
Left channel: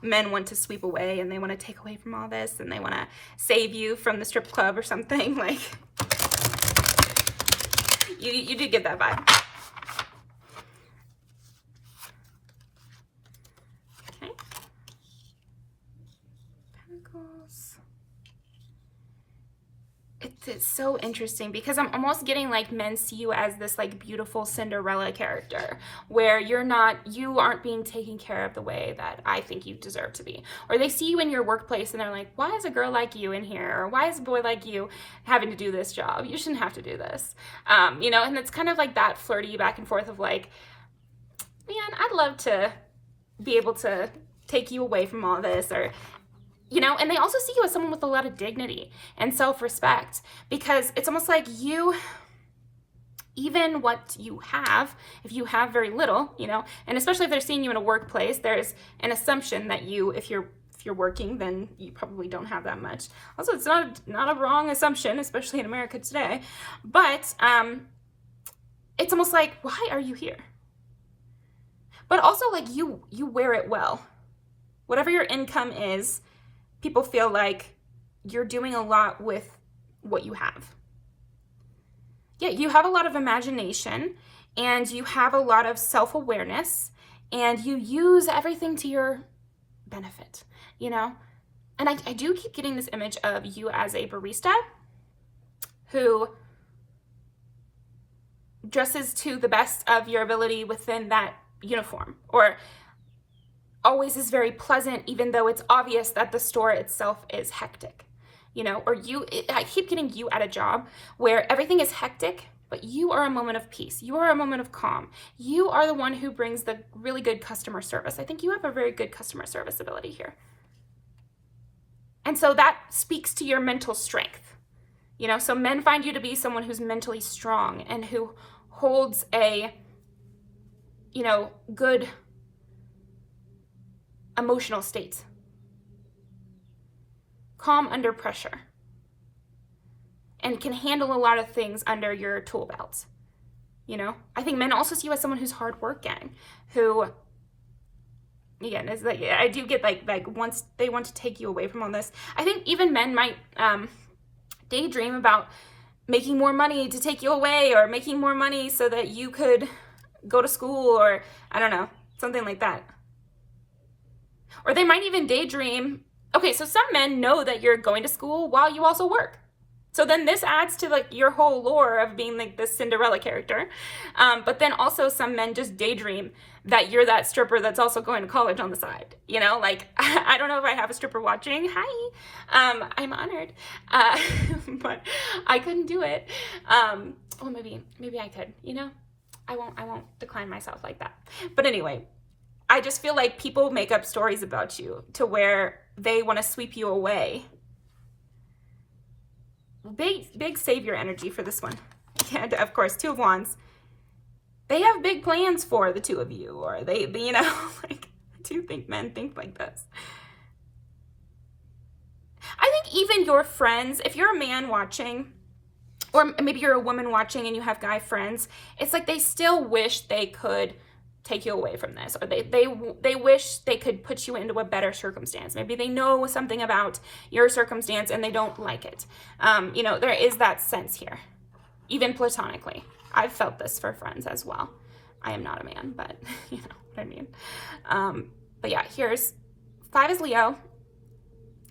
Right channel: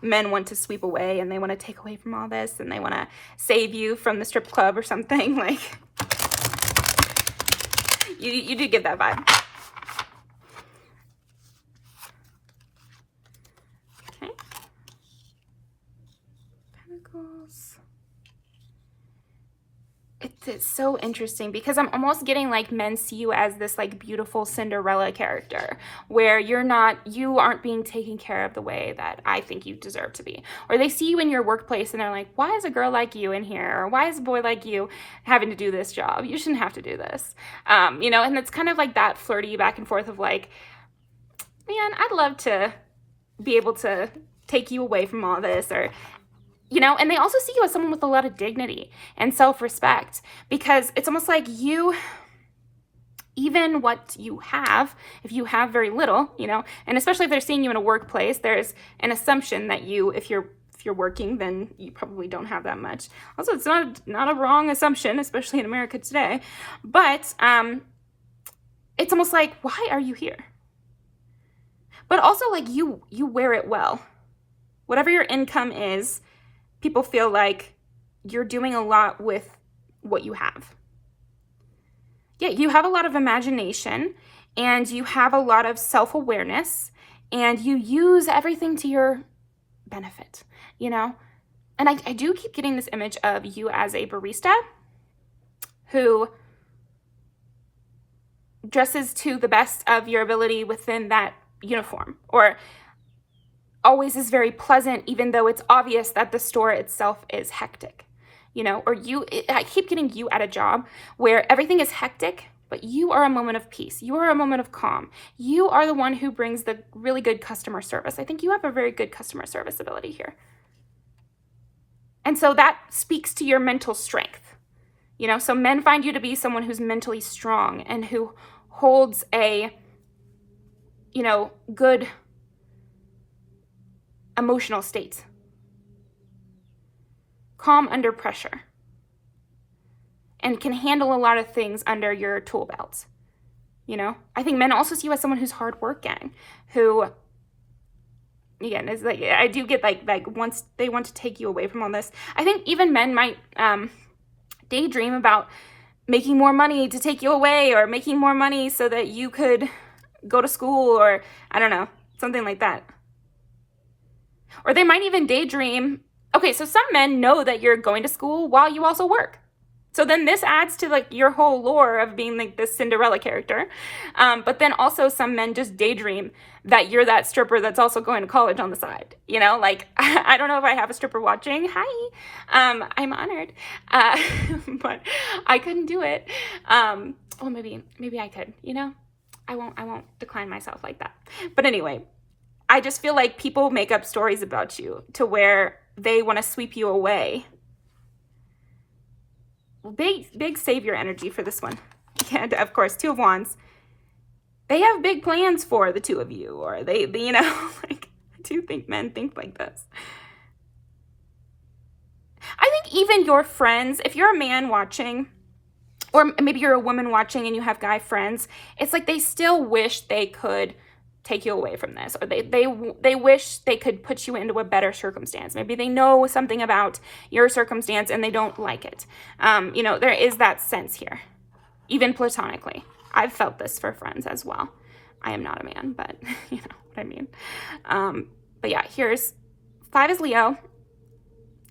men want to sweep away and they want to take away from all this and they want to save you from the strip club or something. Like, you do get that vibe. Okay. Pentacles. It's so interesting because I'm almost getting like men see you as this like beautiful Cinderella character where you aren't being taken care of the way that I think you deserve to be. Or they see you in your workplace and they're like, why is a girl like you in here? Or why is a boy like you having to do this job? You shouldn't have to do this. You know, and it's kind of like that flirty back and forth of like, man, I'd love to be able to take you away from all this, or you know, and they also see you as someone with a lot of dignity and self-respect because it's almost like you, even what you have, if you have very little, you know, and especially if they're seeing you in a workplace, there's an assumption that you, if you're If you're working, then you probably don't have that much. Also, it's not a wrong assumption, especially in America today. But it's almost like, why are you here? But also, like, you wear it well. Whatever your income is, people feel like you're doing a lot with what you have. Yeah, you have a lot of imagination, and you have a lot of self-awareness, and you use everything to your benefit, you know? And I do keep getting this image of you as a barista who dresses to the best of your ability within that uniform, or always is very pleasant, even though it's obvious that the store itself is hectic, you know? Or I keep getting you at a job where everything is hectic, but you are a moment of peace. You are a moment of calm. You are the one who brings the really good customer service. I think you have a very good customer service ability here. And so that speaks to your mental strength. You know, so men find you to be someone who's mentally strong and who holds a, you know, good emotional state. Calm under pressure. And can handle a lot of things under your tool belt. You know, I think men also see you as someone who's hardworking, who, again, is like, I do get like once they want to take you away from all this, I think even men might daydream about making more money to take you away, or making more money so that you could go to school, or I don't know, something like that. Or they might even daydream, okay, so some men know that you're going to school while you also work. So then this adds to like your whole lore of being like this Cinderella character. But then also some men just daydream that you're that stripper that's also going to college on the side. You know, like, I don't know if I have a stripper watching. Hi, I'm honored. But I couldn't do it. Well, maybe I could, you know, I won't decline myself like that. But anyway, I just feel like people make up stories about you to where they want to sweep you away. Big savior energy for this one. And of course, Two of Wands. They have big plans for the two of you, or they you know, like, I do think men think like this. I think even your friends, if you're a man watching, or maybe you're a woman watching and you have guy friends, it's like they still wish they could take you away from this, or they wish they could put you into a better circumstance. Maybe they know something about your circumstance and they don't like it. You know, there is that sense here, even platonically. I've felt this for friends as well. I am not a man, but you know what I mean. But yeah, here's 5 is Leo,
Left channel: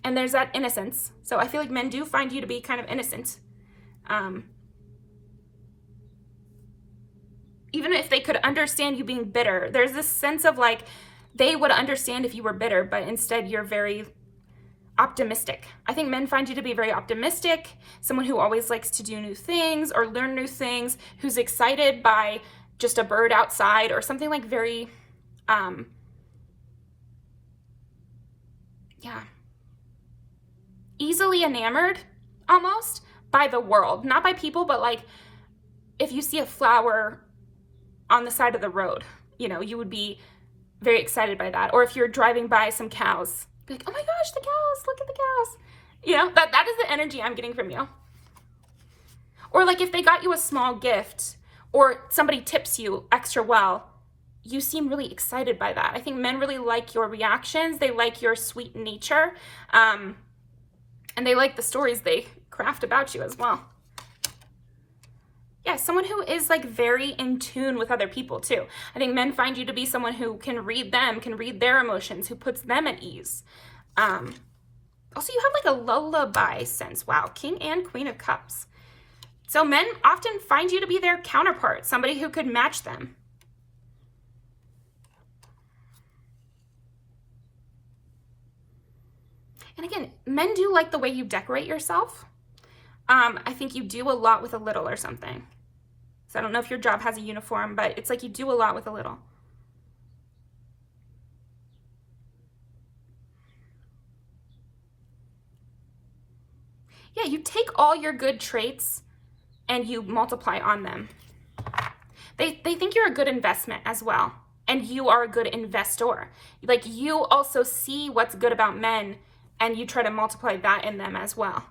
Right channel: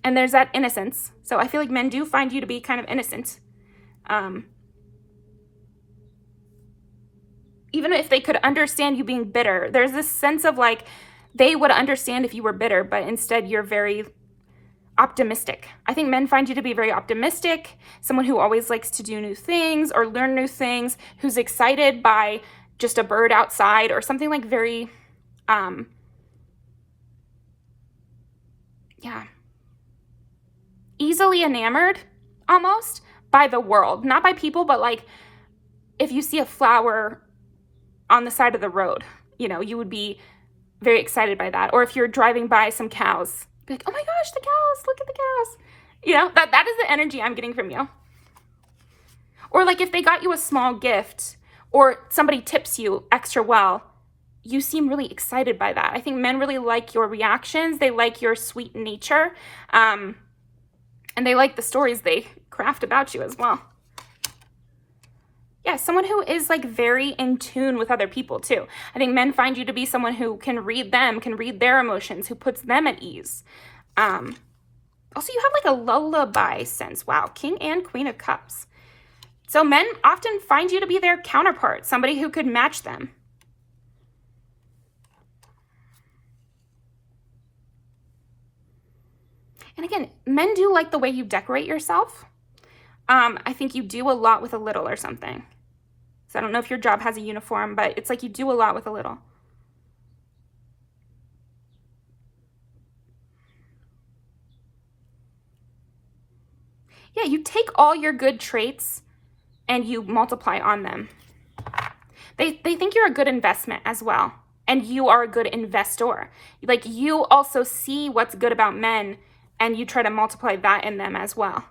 and there's that innocence. So I feel like men do find you to be kind of innocent. Even if they could understand you being bitter, there's this sense of like, they would understand if you were bitter, but instead you're very optimistic. I think men find you to be very optimistic, someone who always likes to do new things or learn new things, who's excited by just a bird outside or something like very, easily enamored almost by the world, not by people, but like if you see a flower on the side of the road, you know, you would be very excited by that. Or if you're driving by some cows, be like, oh my gosh, the cows, look at the cows. You know, that is the energy I'm getting from you. Or like if they got you a small gift, or somebody tips you extra well, you seem really excited by that. I think men really like your reactions. They like your sweet nature. And they like the stories they craft about you as well. Yeah, someone who is like very in tune with other people too. I think men find you to be someone who can read them, can read their emotions, who puts them at ease. Also, you have like a lullaby sense. Wow, King and Queen of Cups. So men often find you to be their counterpart, somebody who could match them. And again, men do like the way you decorate yourself. I think you do a lot with a little or something. So I don't know if your job has a uniform, but it's like you do a lot with a little. Yeah, you take all your good traits and you multiply on them. They think you're a good investment as well. and you are a good investor. Like, you also see what's good about men and you try to multiply that in them as well.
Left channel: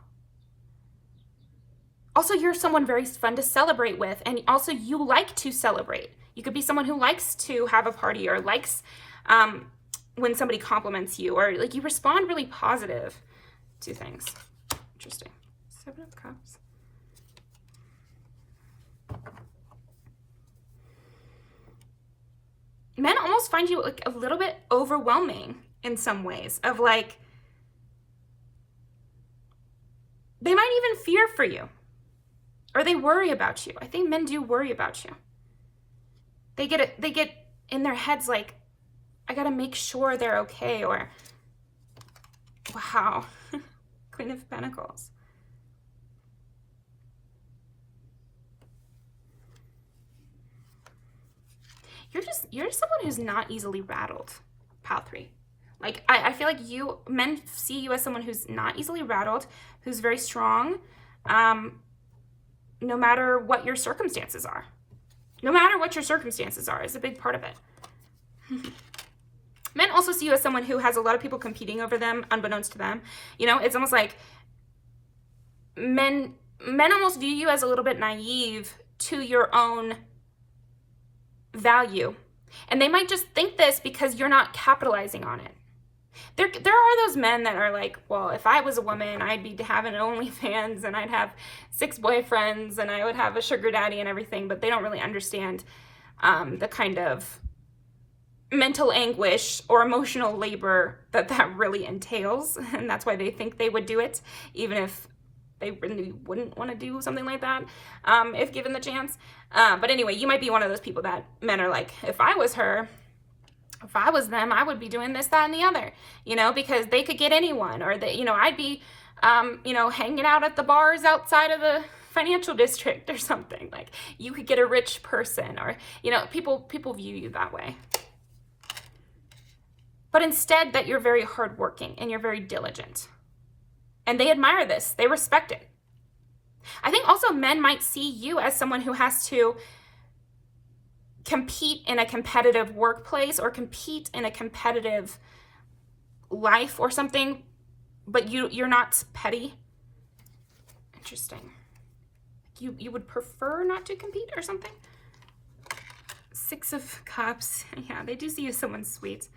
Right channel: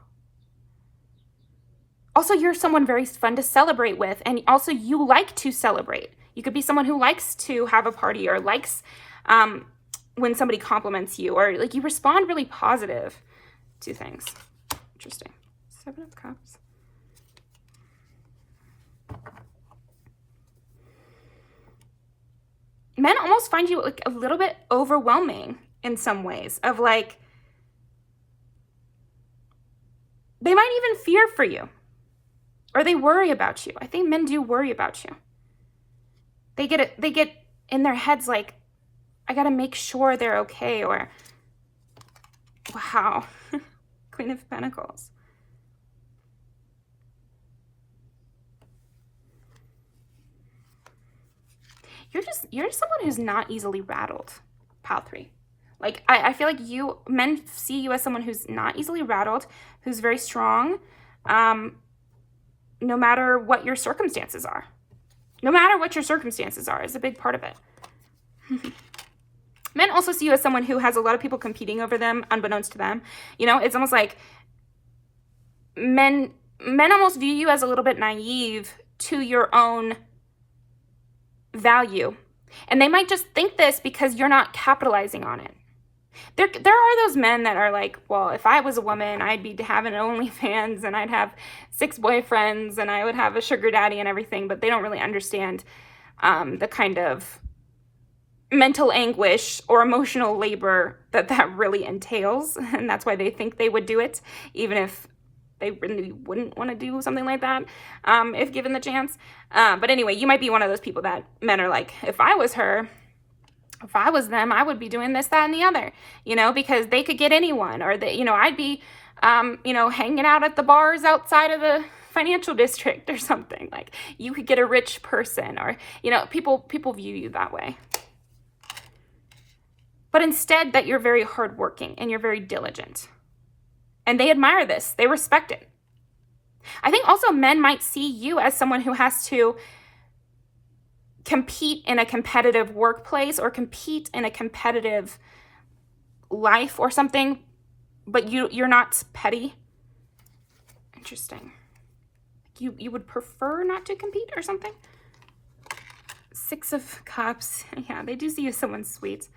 Also, you're someone very fun to celebrate with, and also you like to celebrate. You could be someone who likes to have a party, or likes when somebody compliments you, or like you respond really positive to things. Interesting. 7 of Cups. Men almost find you like a little bit overwhelming in some ways, of like, they might even fear for you, or they worry about you. I think men do worry about you. They get in their heads like, I gotta make sure they're okay, or wow. Queen of Pentacles. You're just someone who's not easily rattled, pile 3. Like, I feel like men see you as someone who's not easily rattled, who's very strong, no matter what your circumstances are. No matter what your circumstances are is a big part of it. Men also see you as someone who has a lot of people competing over them, unbeknownst to them. You know, it's almost like men almost view you as a little bit naive to your own value. And they might just think this because you're not capitalizing on it. There are those men that are like, well, if I was a woman, I'd be having OnlyFans, and I'd have 6 boyfriends, and I would have a sugar daddy and everything, but they don't really understand the kind of mental anguish or emotional labor that really entails. And that's why they think they would do it, even if they really wouldn't want to do something like that, if given the chance. But anyway, you might be one of those people that men are like, if I was her, if I was them, I would be doing this, that, and the other, you know, because they could get anyone, or that, you know, I'd be, you know, hanging out at the bars outside of the financial district or something. Like, you could get a rich person, or, you know, people view you that way. But instead, that you're very hardworking and you're very diligent. And they admire this. They respect it. I think also men might see you as someone who has to compete in a competitive workplace, or compete in a competitive life or something, but you're not petty. Interesting. You would prefer not to compete or something? 6 of Cups. Yeah, they do see you as someone sweet,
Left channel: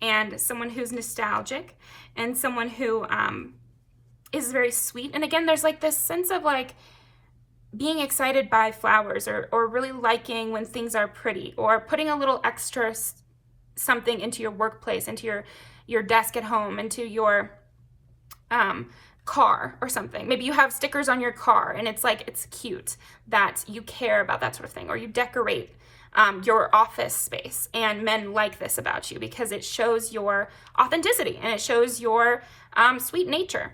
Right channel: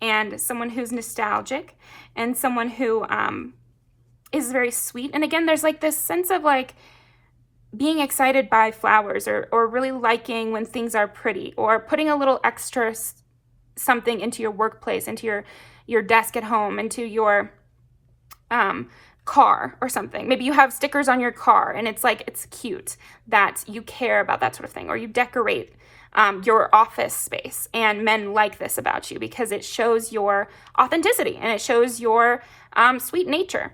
and someone who's nostalgic, and someone who is very sweet. And again, there's like this sense of like being excited by flowers, or really liking when things are pretty, or putting a little extra something into your workplace, into your desk at home, into your car or something. Maybe you have stickers on your car, and it's like, it's cute that you care about that sort of thing, or you decorate your office space. And men like this about you because it shows your authenticity, and it shows your sweet nature.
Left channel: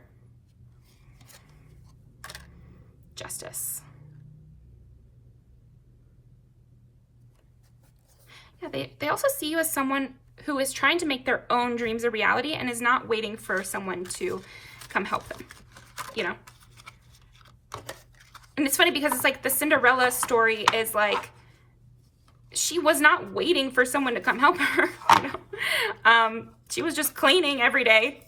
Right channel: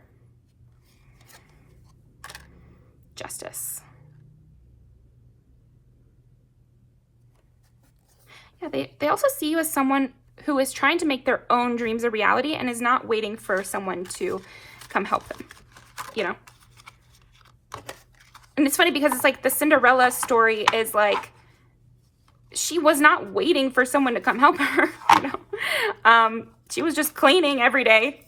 Justice. Yeah, they also see you as someone who is trying to make their own dreams a reality, and is not waiting for someone to come help them, you know? And it's funny because it's like the Cinderella story is like, she was not waiting for someone to come help her, you know? She was just cleaning every day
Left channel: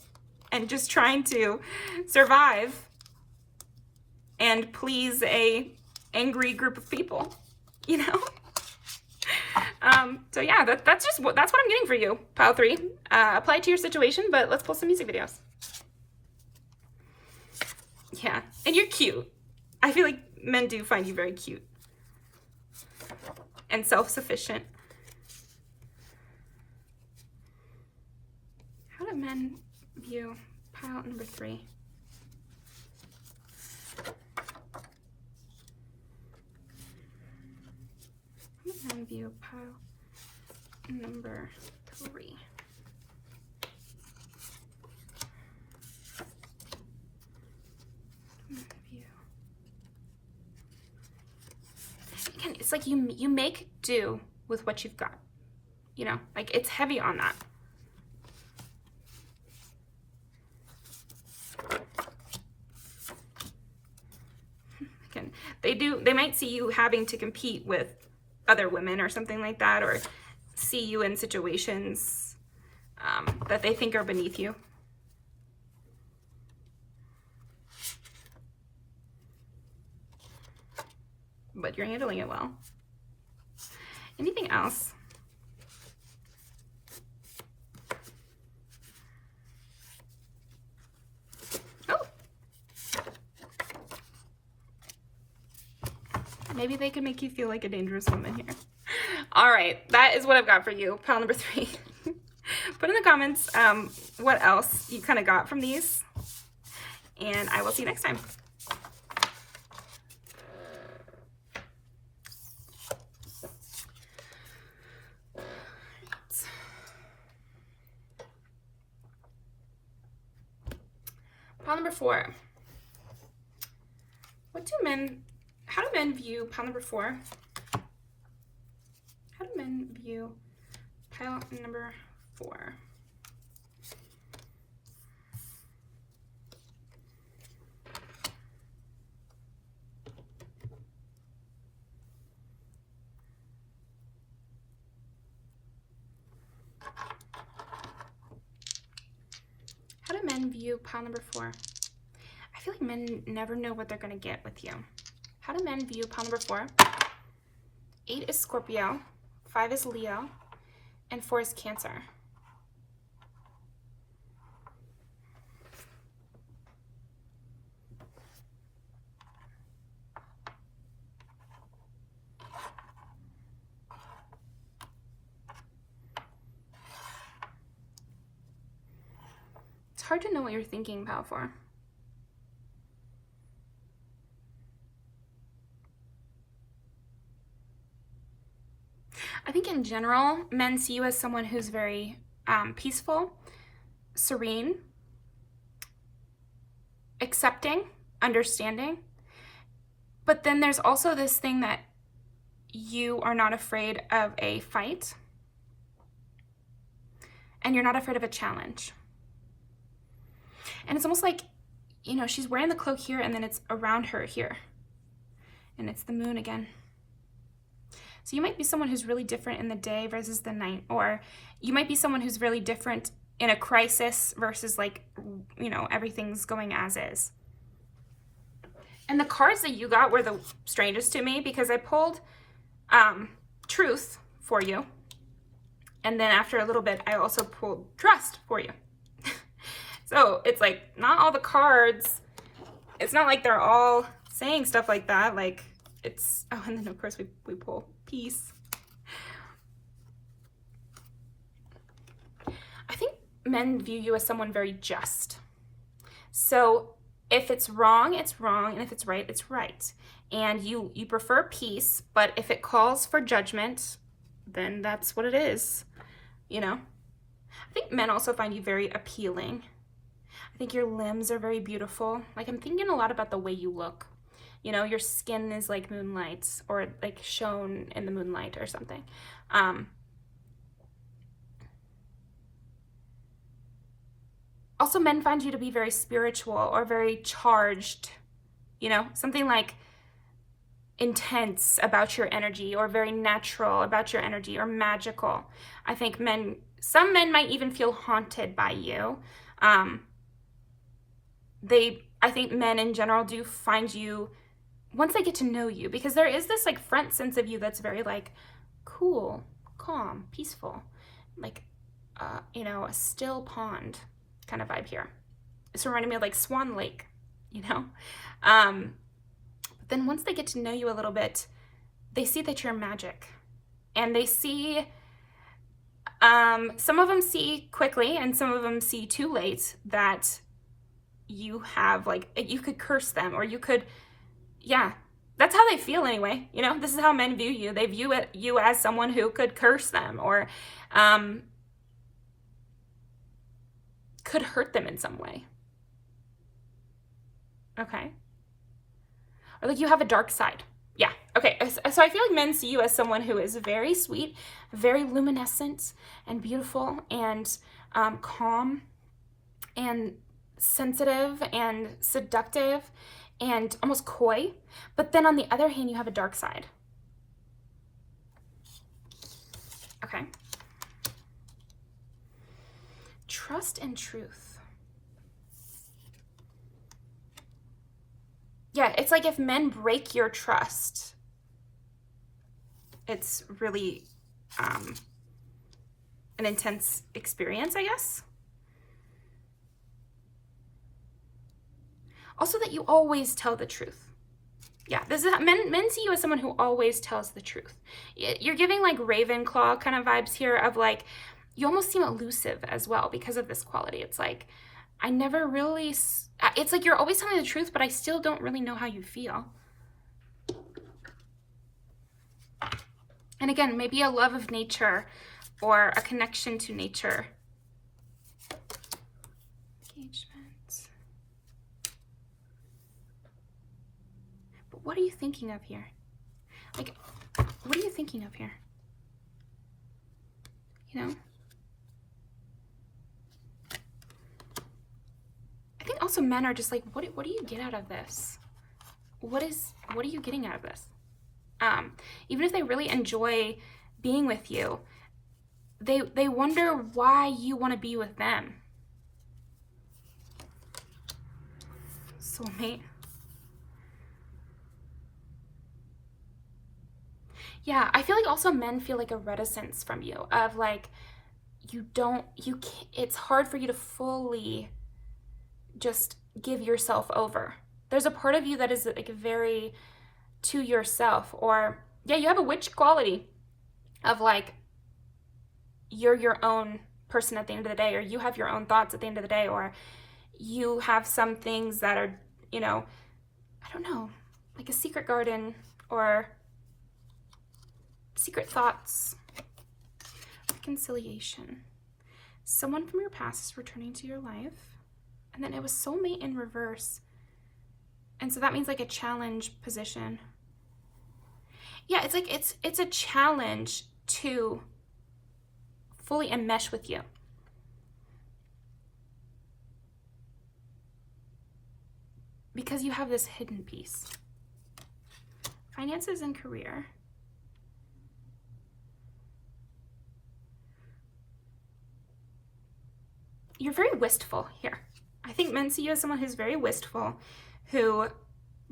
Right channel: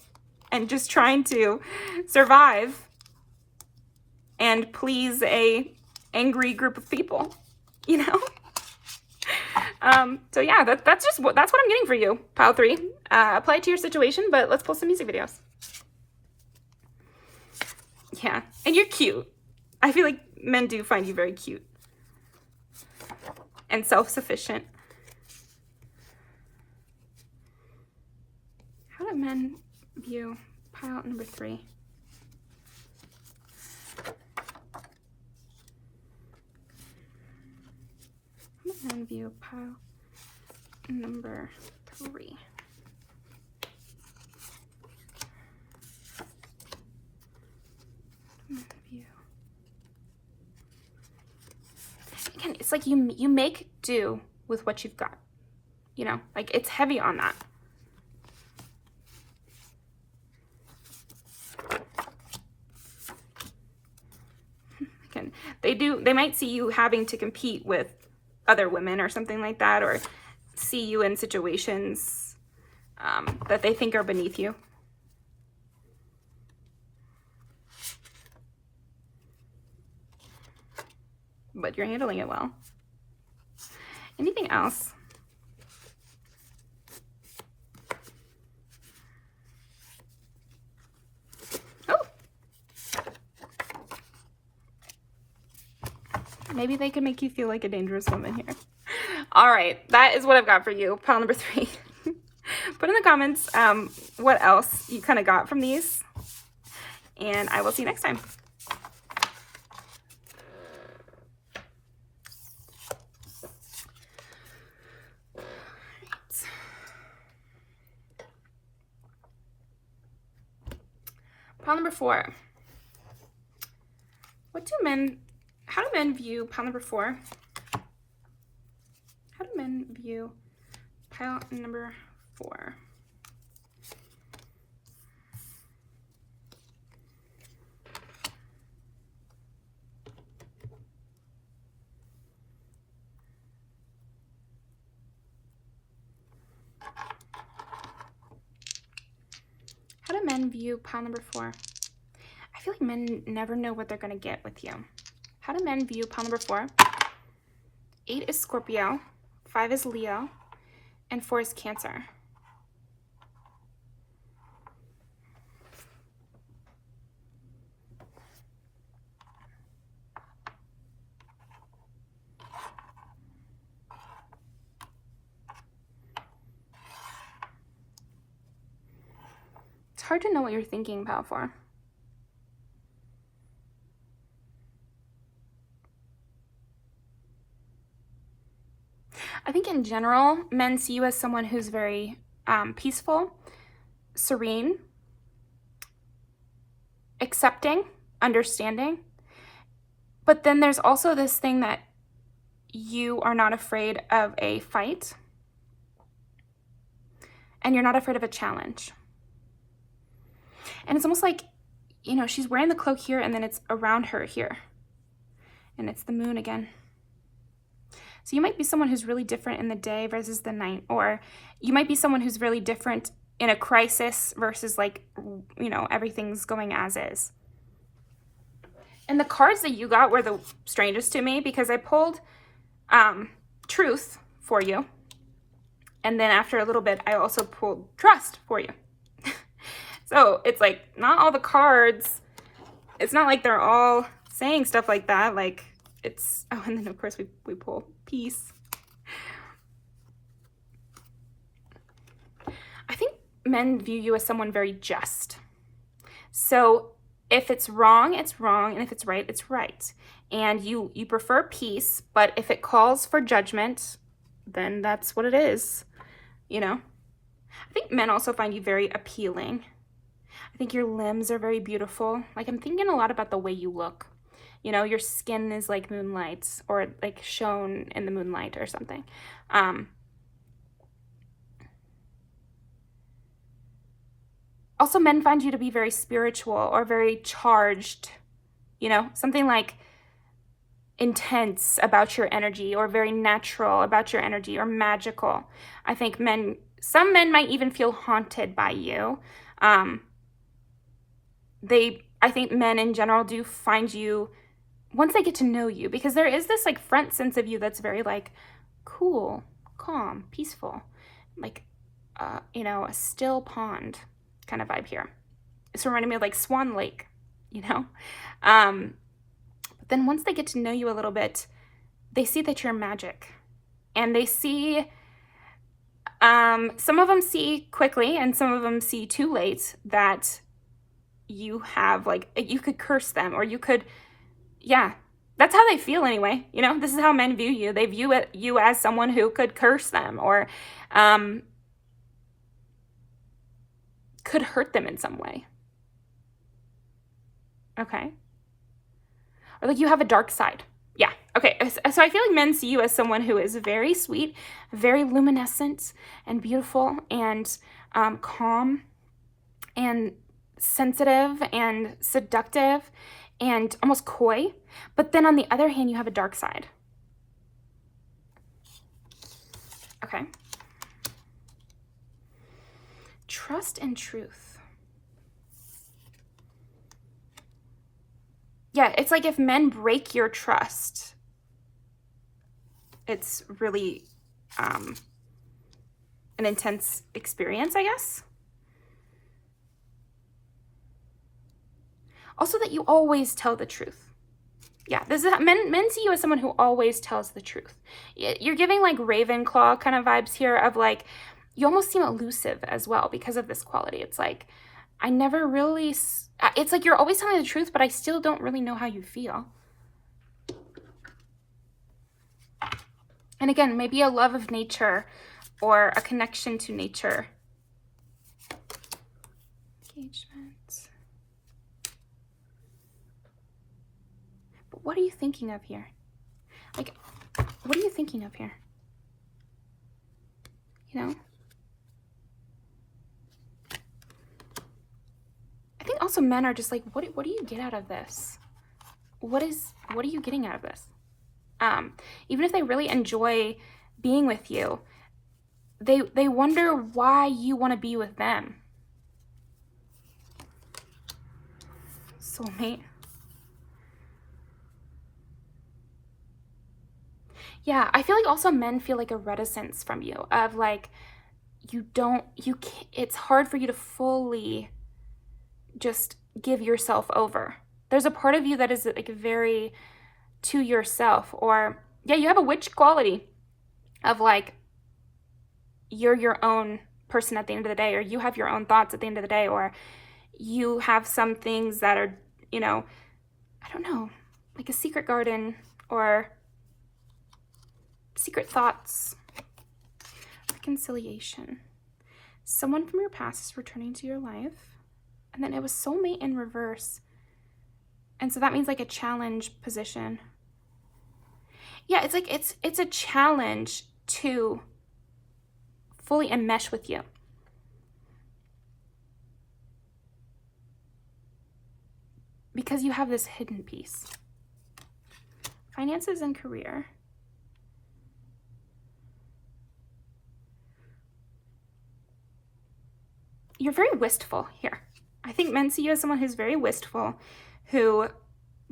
and just trying to survive and please a angry group of people, you know? So yeah, that's what I'm getting for you, pile 3. Apply it to your situation, but let's pull some music videos. Yeah, and you're cute. I feel like men do find you very cute and self-sufficient. How do men view pile number 3? And view pile number 3. Again, it's like you make do with what you've got. You know, like it's heavy on that. Again, they might see you having to compete with other women or something like that, or see you in situations that they think are beneath you. But you're handling it well. Anything else? Oh. Maybe they can make you feel like a dangerous woman here. All right, that is what I've got for you. Pile number 3. Put in the comments what else you kind of got from these. And I will see you next time. Pile number 4. How do men view pile number 4? How do men view pile number 4? How do men view pile number 4? I feel like men never know what they're going to get with you. How do men view pile number 4? 8 is Scorpio, 5 is Leo, and 4 is Cancer. It's hard to know what you're thinking, pile 4. I think in general, men see you as someone who's very peaceful, serene, accepting, understanding. But then there's also this thing that you are not afraid of a fight, and you're not afraid of a challenge. And it's almost like, you know, she's wearing the cloak here, and then it's around her here. And it's the moon again. So you might be someone who's really different in the day versus the night, or you might be someone who's really different in a crisis versus, like, you know, everything's going as is. And the cards that you got were the strangest to me because I pulled truth for you. And then after a little bit, I also pulled trust for you. So it's like not all the cards, it's not like they're all saying stuff like that. Like it's, oh, and then of course we pull peace. I think men view you as someone very just. So if it's wrong, it's wrong. And if it's right, it's right. And you prefer peace, but if it calls for judgment, then that's what it is, you know? I think men also find you very appealing. I think your limbs are very beautiful. Like I'm thinking a lot about the way you look. You know, your skin is like moonlight or like shone in the moonlight or something. Also, men find you to be very spiritual or very charged, you know, something like intense about your energy or very natural about your energy or magical. I think some men might even feel haunted by you. I think men in general do find you, once they get to know you, because there is this like front sense of you that's very like cool, calm, peaceful, like, you know, a still pond kind of vibe here. It's reminding me of like Swan Lake, you know? But then once they get to know you a little bit, they see that you're magic, and they see, some of them see quickly and some of them see too late that you have like, you could curse them or you could, yeah, that's how they feel anyway. You know, this is how men view you. They view you as someone who could curse them or could hurt them in some way. Okay. Or like you have a dark side. Yeah. Okay. So I feel like men see you as someone who is very sweet, very luminescent and beautiful and calm and sensitive and seductive and almost coy. But then on the other hand, you have a dark side. Okay. Trust and truth. Yeah, it's like if men break your trust, it's really an intense experience, I guess. Also that you always tell the truth. Yeah, this is men see you as someone who always tells the truth. You're giving like Ravenclaw kind of vibes here of like, you almost seem elusive as well because of this quality. It's like, I never really, it's like you're always telling the truth, but I still don't really know how you feel. And again, maybe a love of nature or a connection to nature. Engagement. But what are you thinking of here? Like, what are you thinking of here? You know? I think also men are just like, what do you get out of this? What are you getting out of this? Even if they really enjoy being with you, they wonder why you want to be with them. Soulmate. Yeah, I feel like also men feel like a reticence from you of like, it's hard for you to fully just give yourself over. There's a part of you that is like very to yourself, or yeah, you have a witch quality of like, you're your own person at the end of the day, or you have your own thoughts at the end of the day, or you have some things that are, you know, I don't know, like a secret garden or secret thoughts. Reconciliation. Someone from your past is returning to your life, and then it was soulmate in reverse. And so that means like a challenge position. Yeah, it's like it's a challenge to fully enmesh with you. Because you have this hidden piece. Finances and career. You're very wistful here. I think men see you as someone who's very wistful, who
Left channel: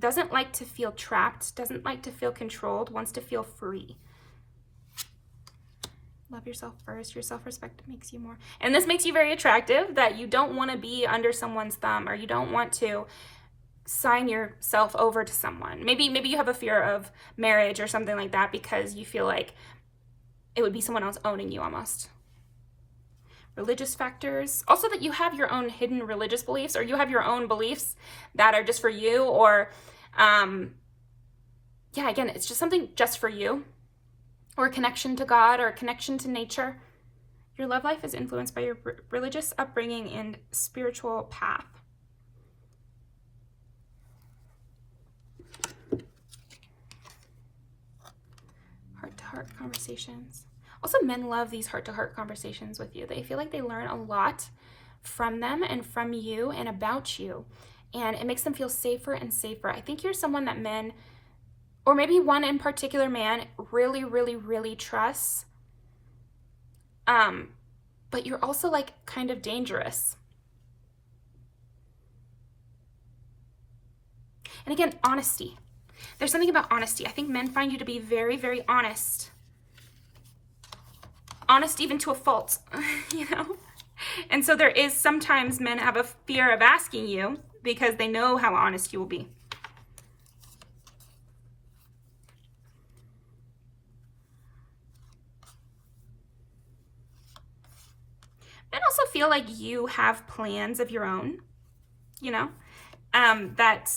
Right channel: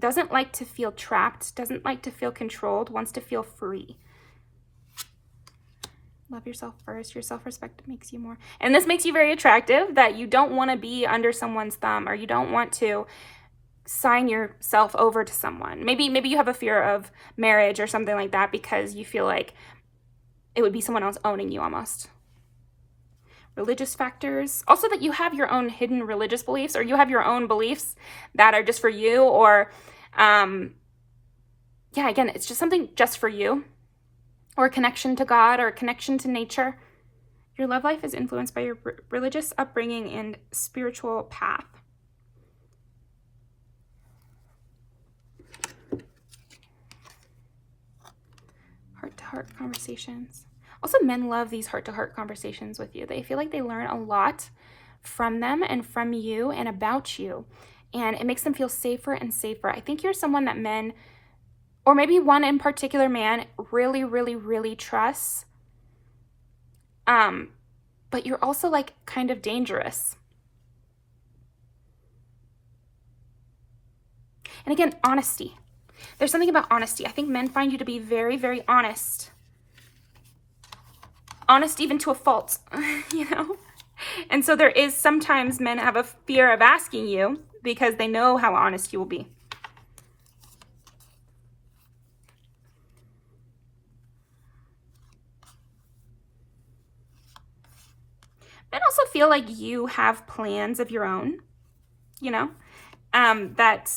doesn't like to feel trapped, doesn't like to feel controlled, wants to feel free. Love yourself first. Your self-respect makes you more. And this makes you very attractive, that you don't want to be under someone's thumb, or you don't want to sign yourself over to someone. Maybe you have a fear of marriage or something like that because you feel like it would be someone else owning you almost. Religious factors. Also that you have your own hidden religious beliefs, or you have your own beliefs that are just for you, or yeah, again, it's just something just for you, or a connection to God, or a connection to nature. Your love life is influenced by your religious upbringing and spiritual path. Heart-to-heart conversations. Also, men love these heart-to-heart conversations with you. They feel like they learn a lot from them and from you and about you. And it makes them feel safer and safer. I think you're someone that men, or maybe one in particular man, really, really, really trusts. But you're also like kind of dangerous. And again, honesty. There's something about honesty. I think men find you to be very, very honest. Honest even to a fault, you know? And so there is sometimes men have a fear of asking you because they know how honest you will be. Men also feel like you have plans of your own, you know, that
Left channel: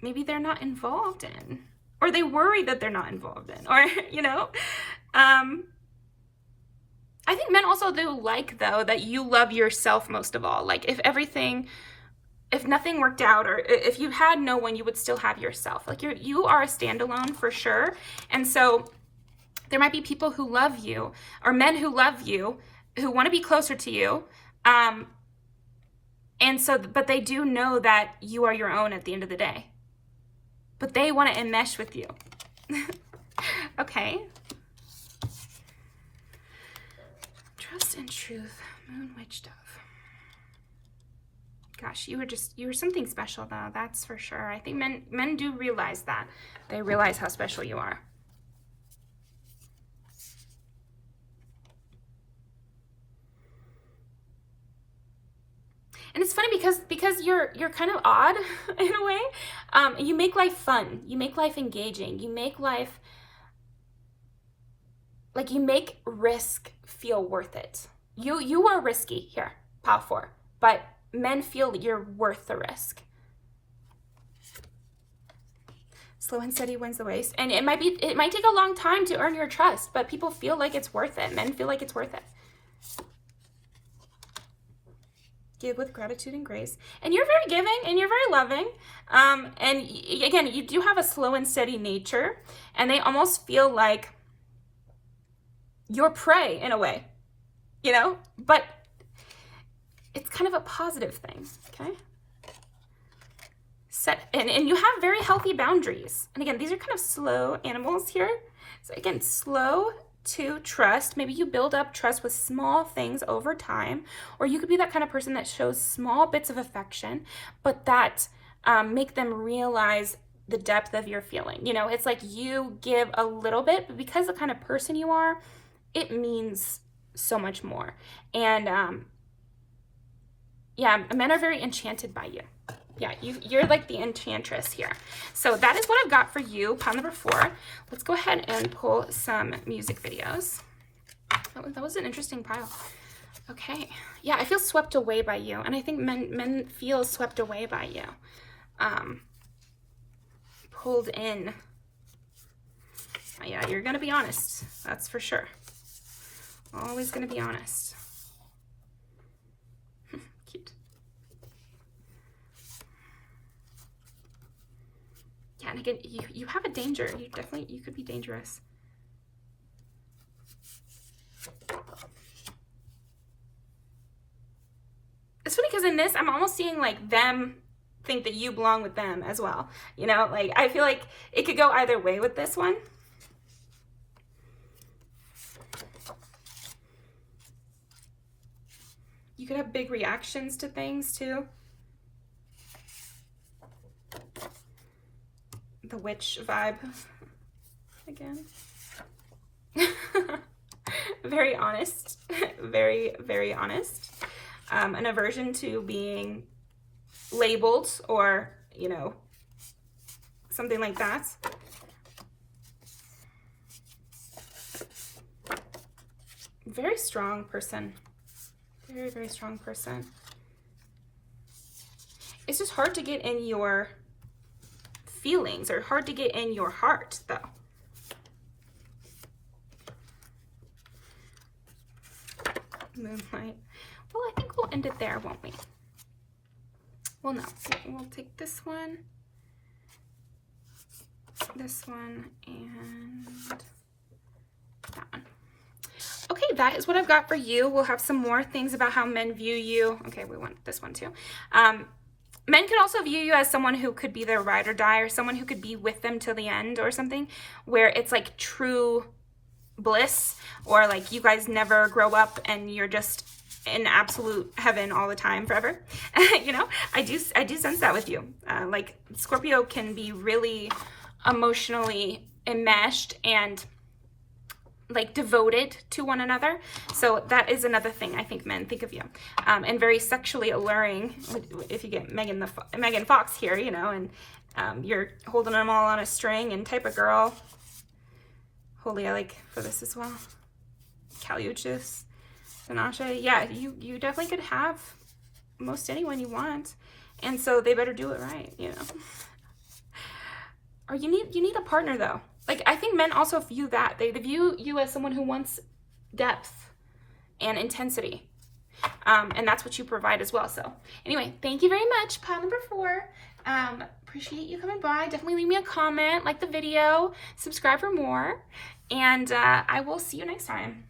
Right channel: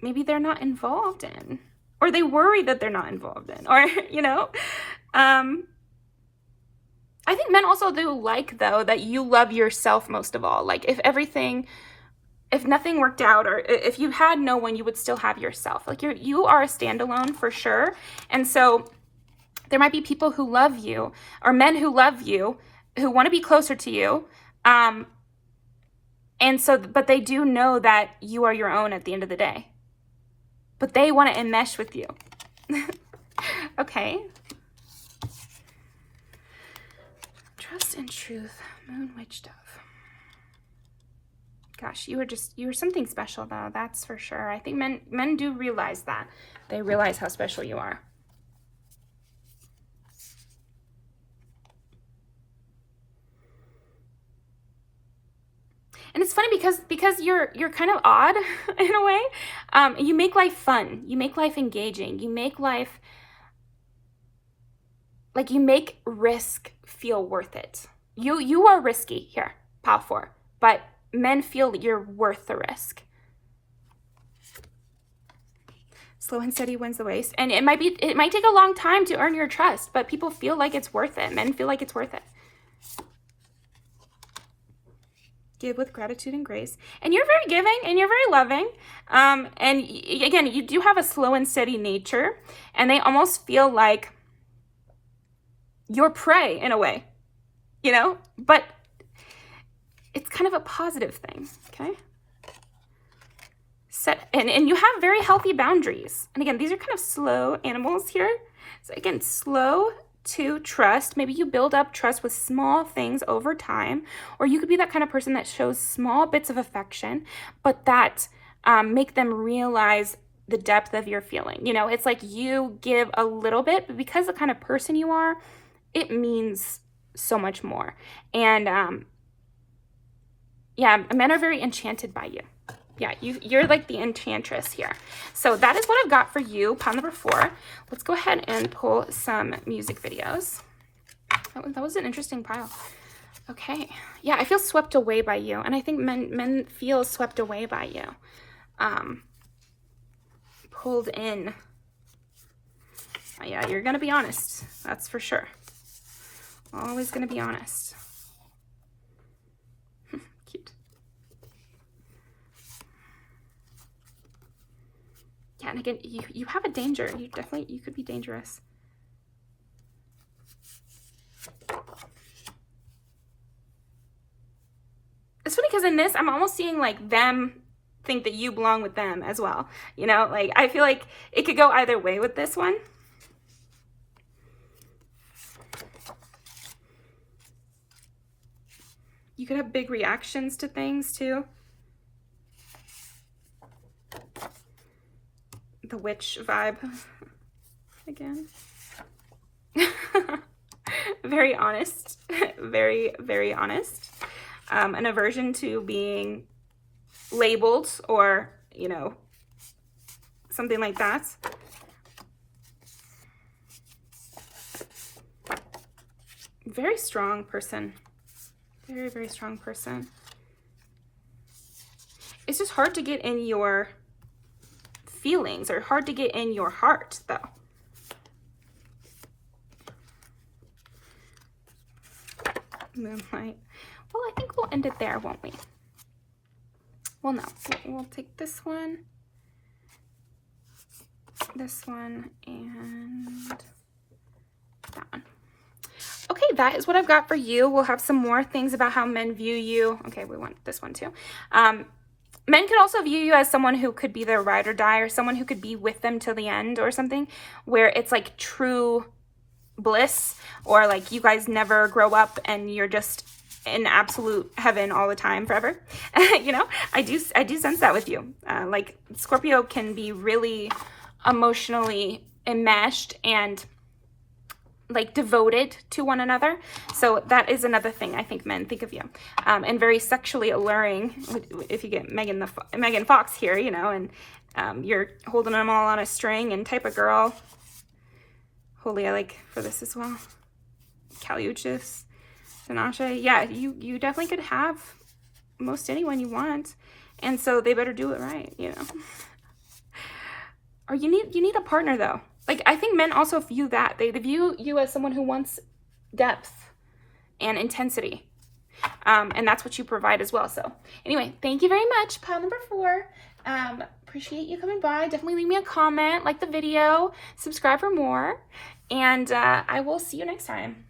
maybe they're not involved in, or they worry that they're not involved in, or, you know, I think men also do like, though, that you love yourself most of all. Like if nothing worked out, or if you had no one, you would still have yourself. Like you are a standalone for sure. And so there might be people who love you, or men who love you, who want to be closer to you. And so, but they do know that you are your own at the end of the day. But they want to enmesh with you. Okay. Trust and truth. Moon, witch, dove. Gosh, you were something special though, that's for sure. I think men do realize that. They realize how special you are. And it's funny because you're kind of odd in a way. You make life fun. You make life engaging. You make life, like, you make risk feel worth it. You are risky here, pile 4, but men feel you're worth the risk. Slow and steady wins the race. And it might take a long time to earn your trust, but people feel like it's worth it. Men feel like it's worth it. Give with gratitude and grace. And you're very giving and you're very loving. And again, you do have a slow and steady nature, and they almost feel like your prey in a way, you know, but it's kind of a positive thing. Okay. And you have very healthy boundaries. And again, these are kind of slow animals here. So again, slow to trust. Maybe you build up trust with small things over time, or you could be that kind of person that shows small bits of affection, but that make them realize the depth of your feeling. You know, it's like you give a little bit, but because of the kind of person you are, it means so much more. And yeah, men are very enchanted by you. Yeah, you're like the enchantress here. So that is what I've got for you, pile number 4. Let's go ahead and pull some music videos. That was an interesting pile. Okay. Yeah, I feel swept away by you. And I think men feel swept away by you. Pulled in. Yeah, you're going to be honest. That's for sure. Always going to be honest. Cute. Yeah, and again, you have a danger. You could be dangerous. It's funny because in this, I'm almost seeing like them think that you belong with them as well. You know, like I feel like it could go either way with this one. You could have big reactions to things too. The witch vibe again. Very honest. Very, very honest. An aversion to being labeled or, you know, something like that. Very strong person. Very, very strong person. It's just hard to get in your feelings, or hard to get in your heart, though. Moonlight. Well, I think we'll end it there, won't we? Well, no. We'll take this one, and that one. Okay, that is what I've got for you. We'll have some more things about how men view you. Okay, we want this one too. Men could also view you as someone who could be their ride or die, or someone who could be with them till the end or something, where it's like true bliss, or like you guys never grow up and you're just in absolute heaven all the time forever. You know, I do sense that with you. Like Scorpio can be really emotionally enmeshed and like devoted to one another. So that is another thing I think men think of you. And very sexually alluring, if you get Megan Fox here, you know, and you're holding them all on a string and type of girl. Holy, I like for this as well. Caliuchis, Sanasha. Yeah, you definitely could have most anyone you want. And so they better do it right, you know. Or you need a partner though. Like, I think men also view that. They view you as someone who wants depth and intensity. And that's what you provide as well. So anyway, thank you very much. Pile number 4. Appreciate you coming by. Definitely leave me a comment, like the video, subscribe for more. And I will see you next time.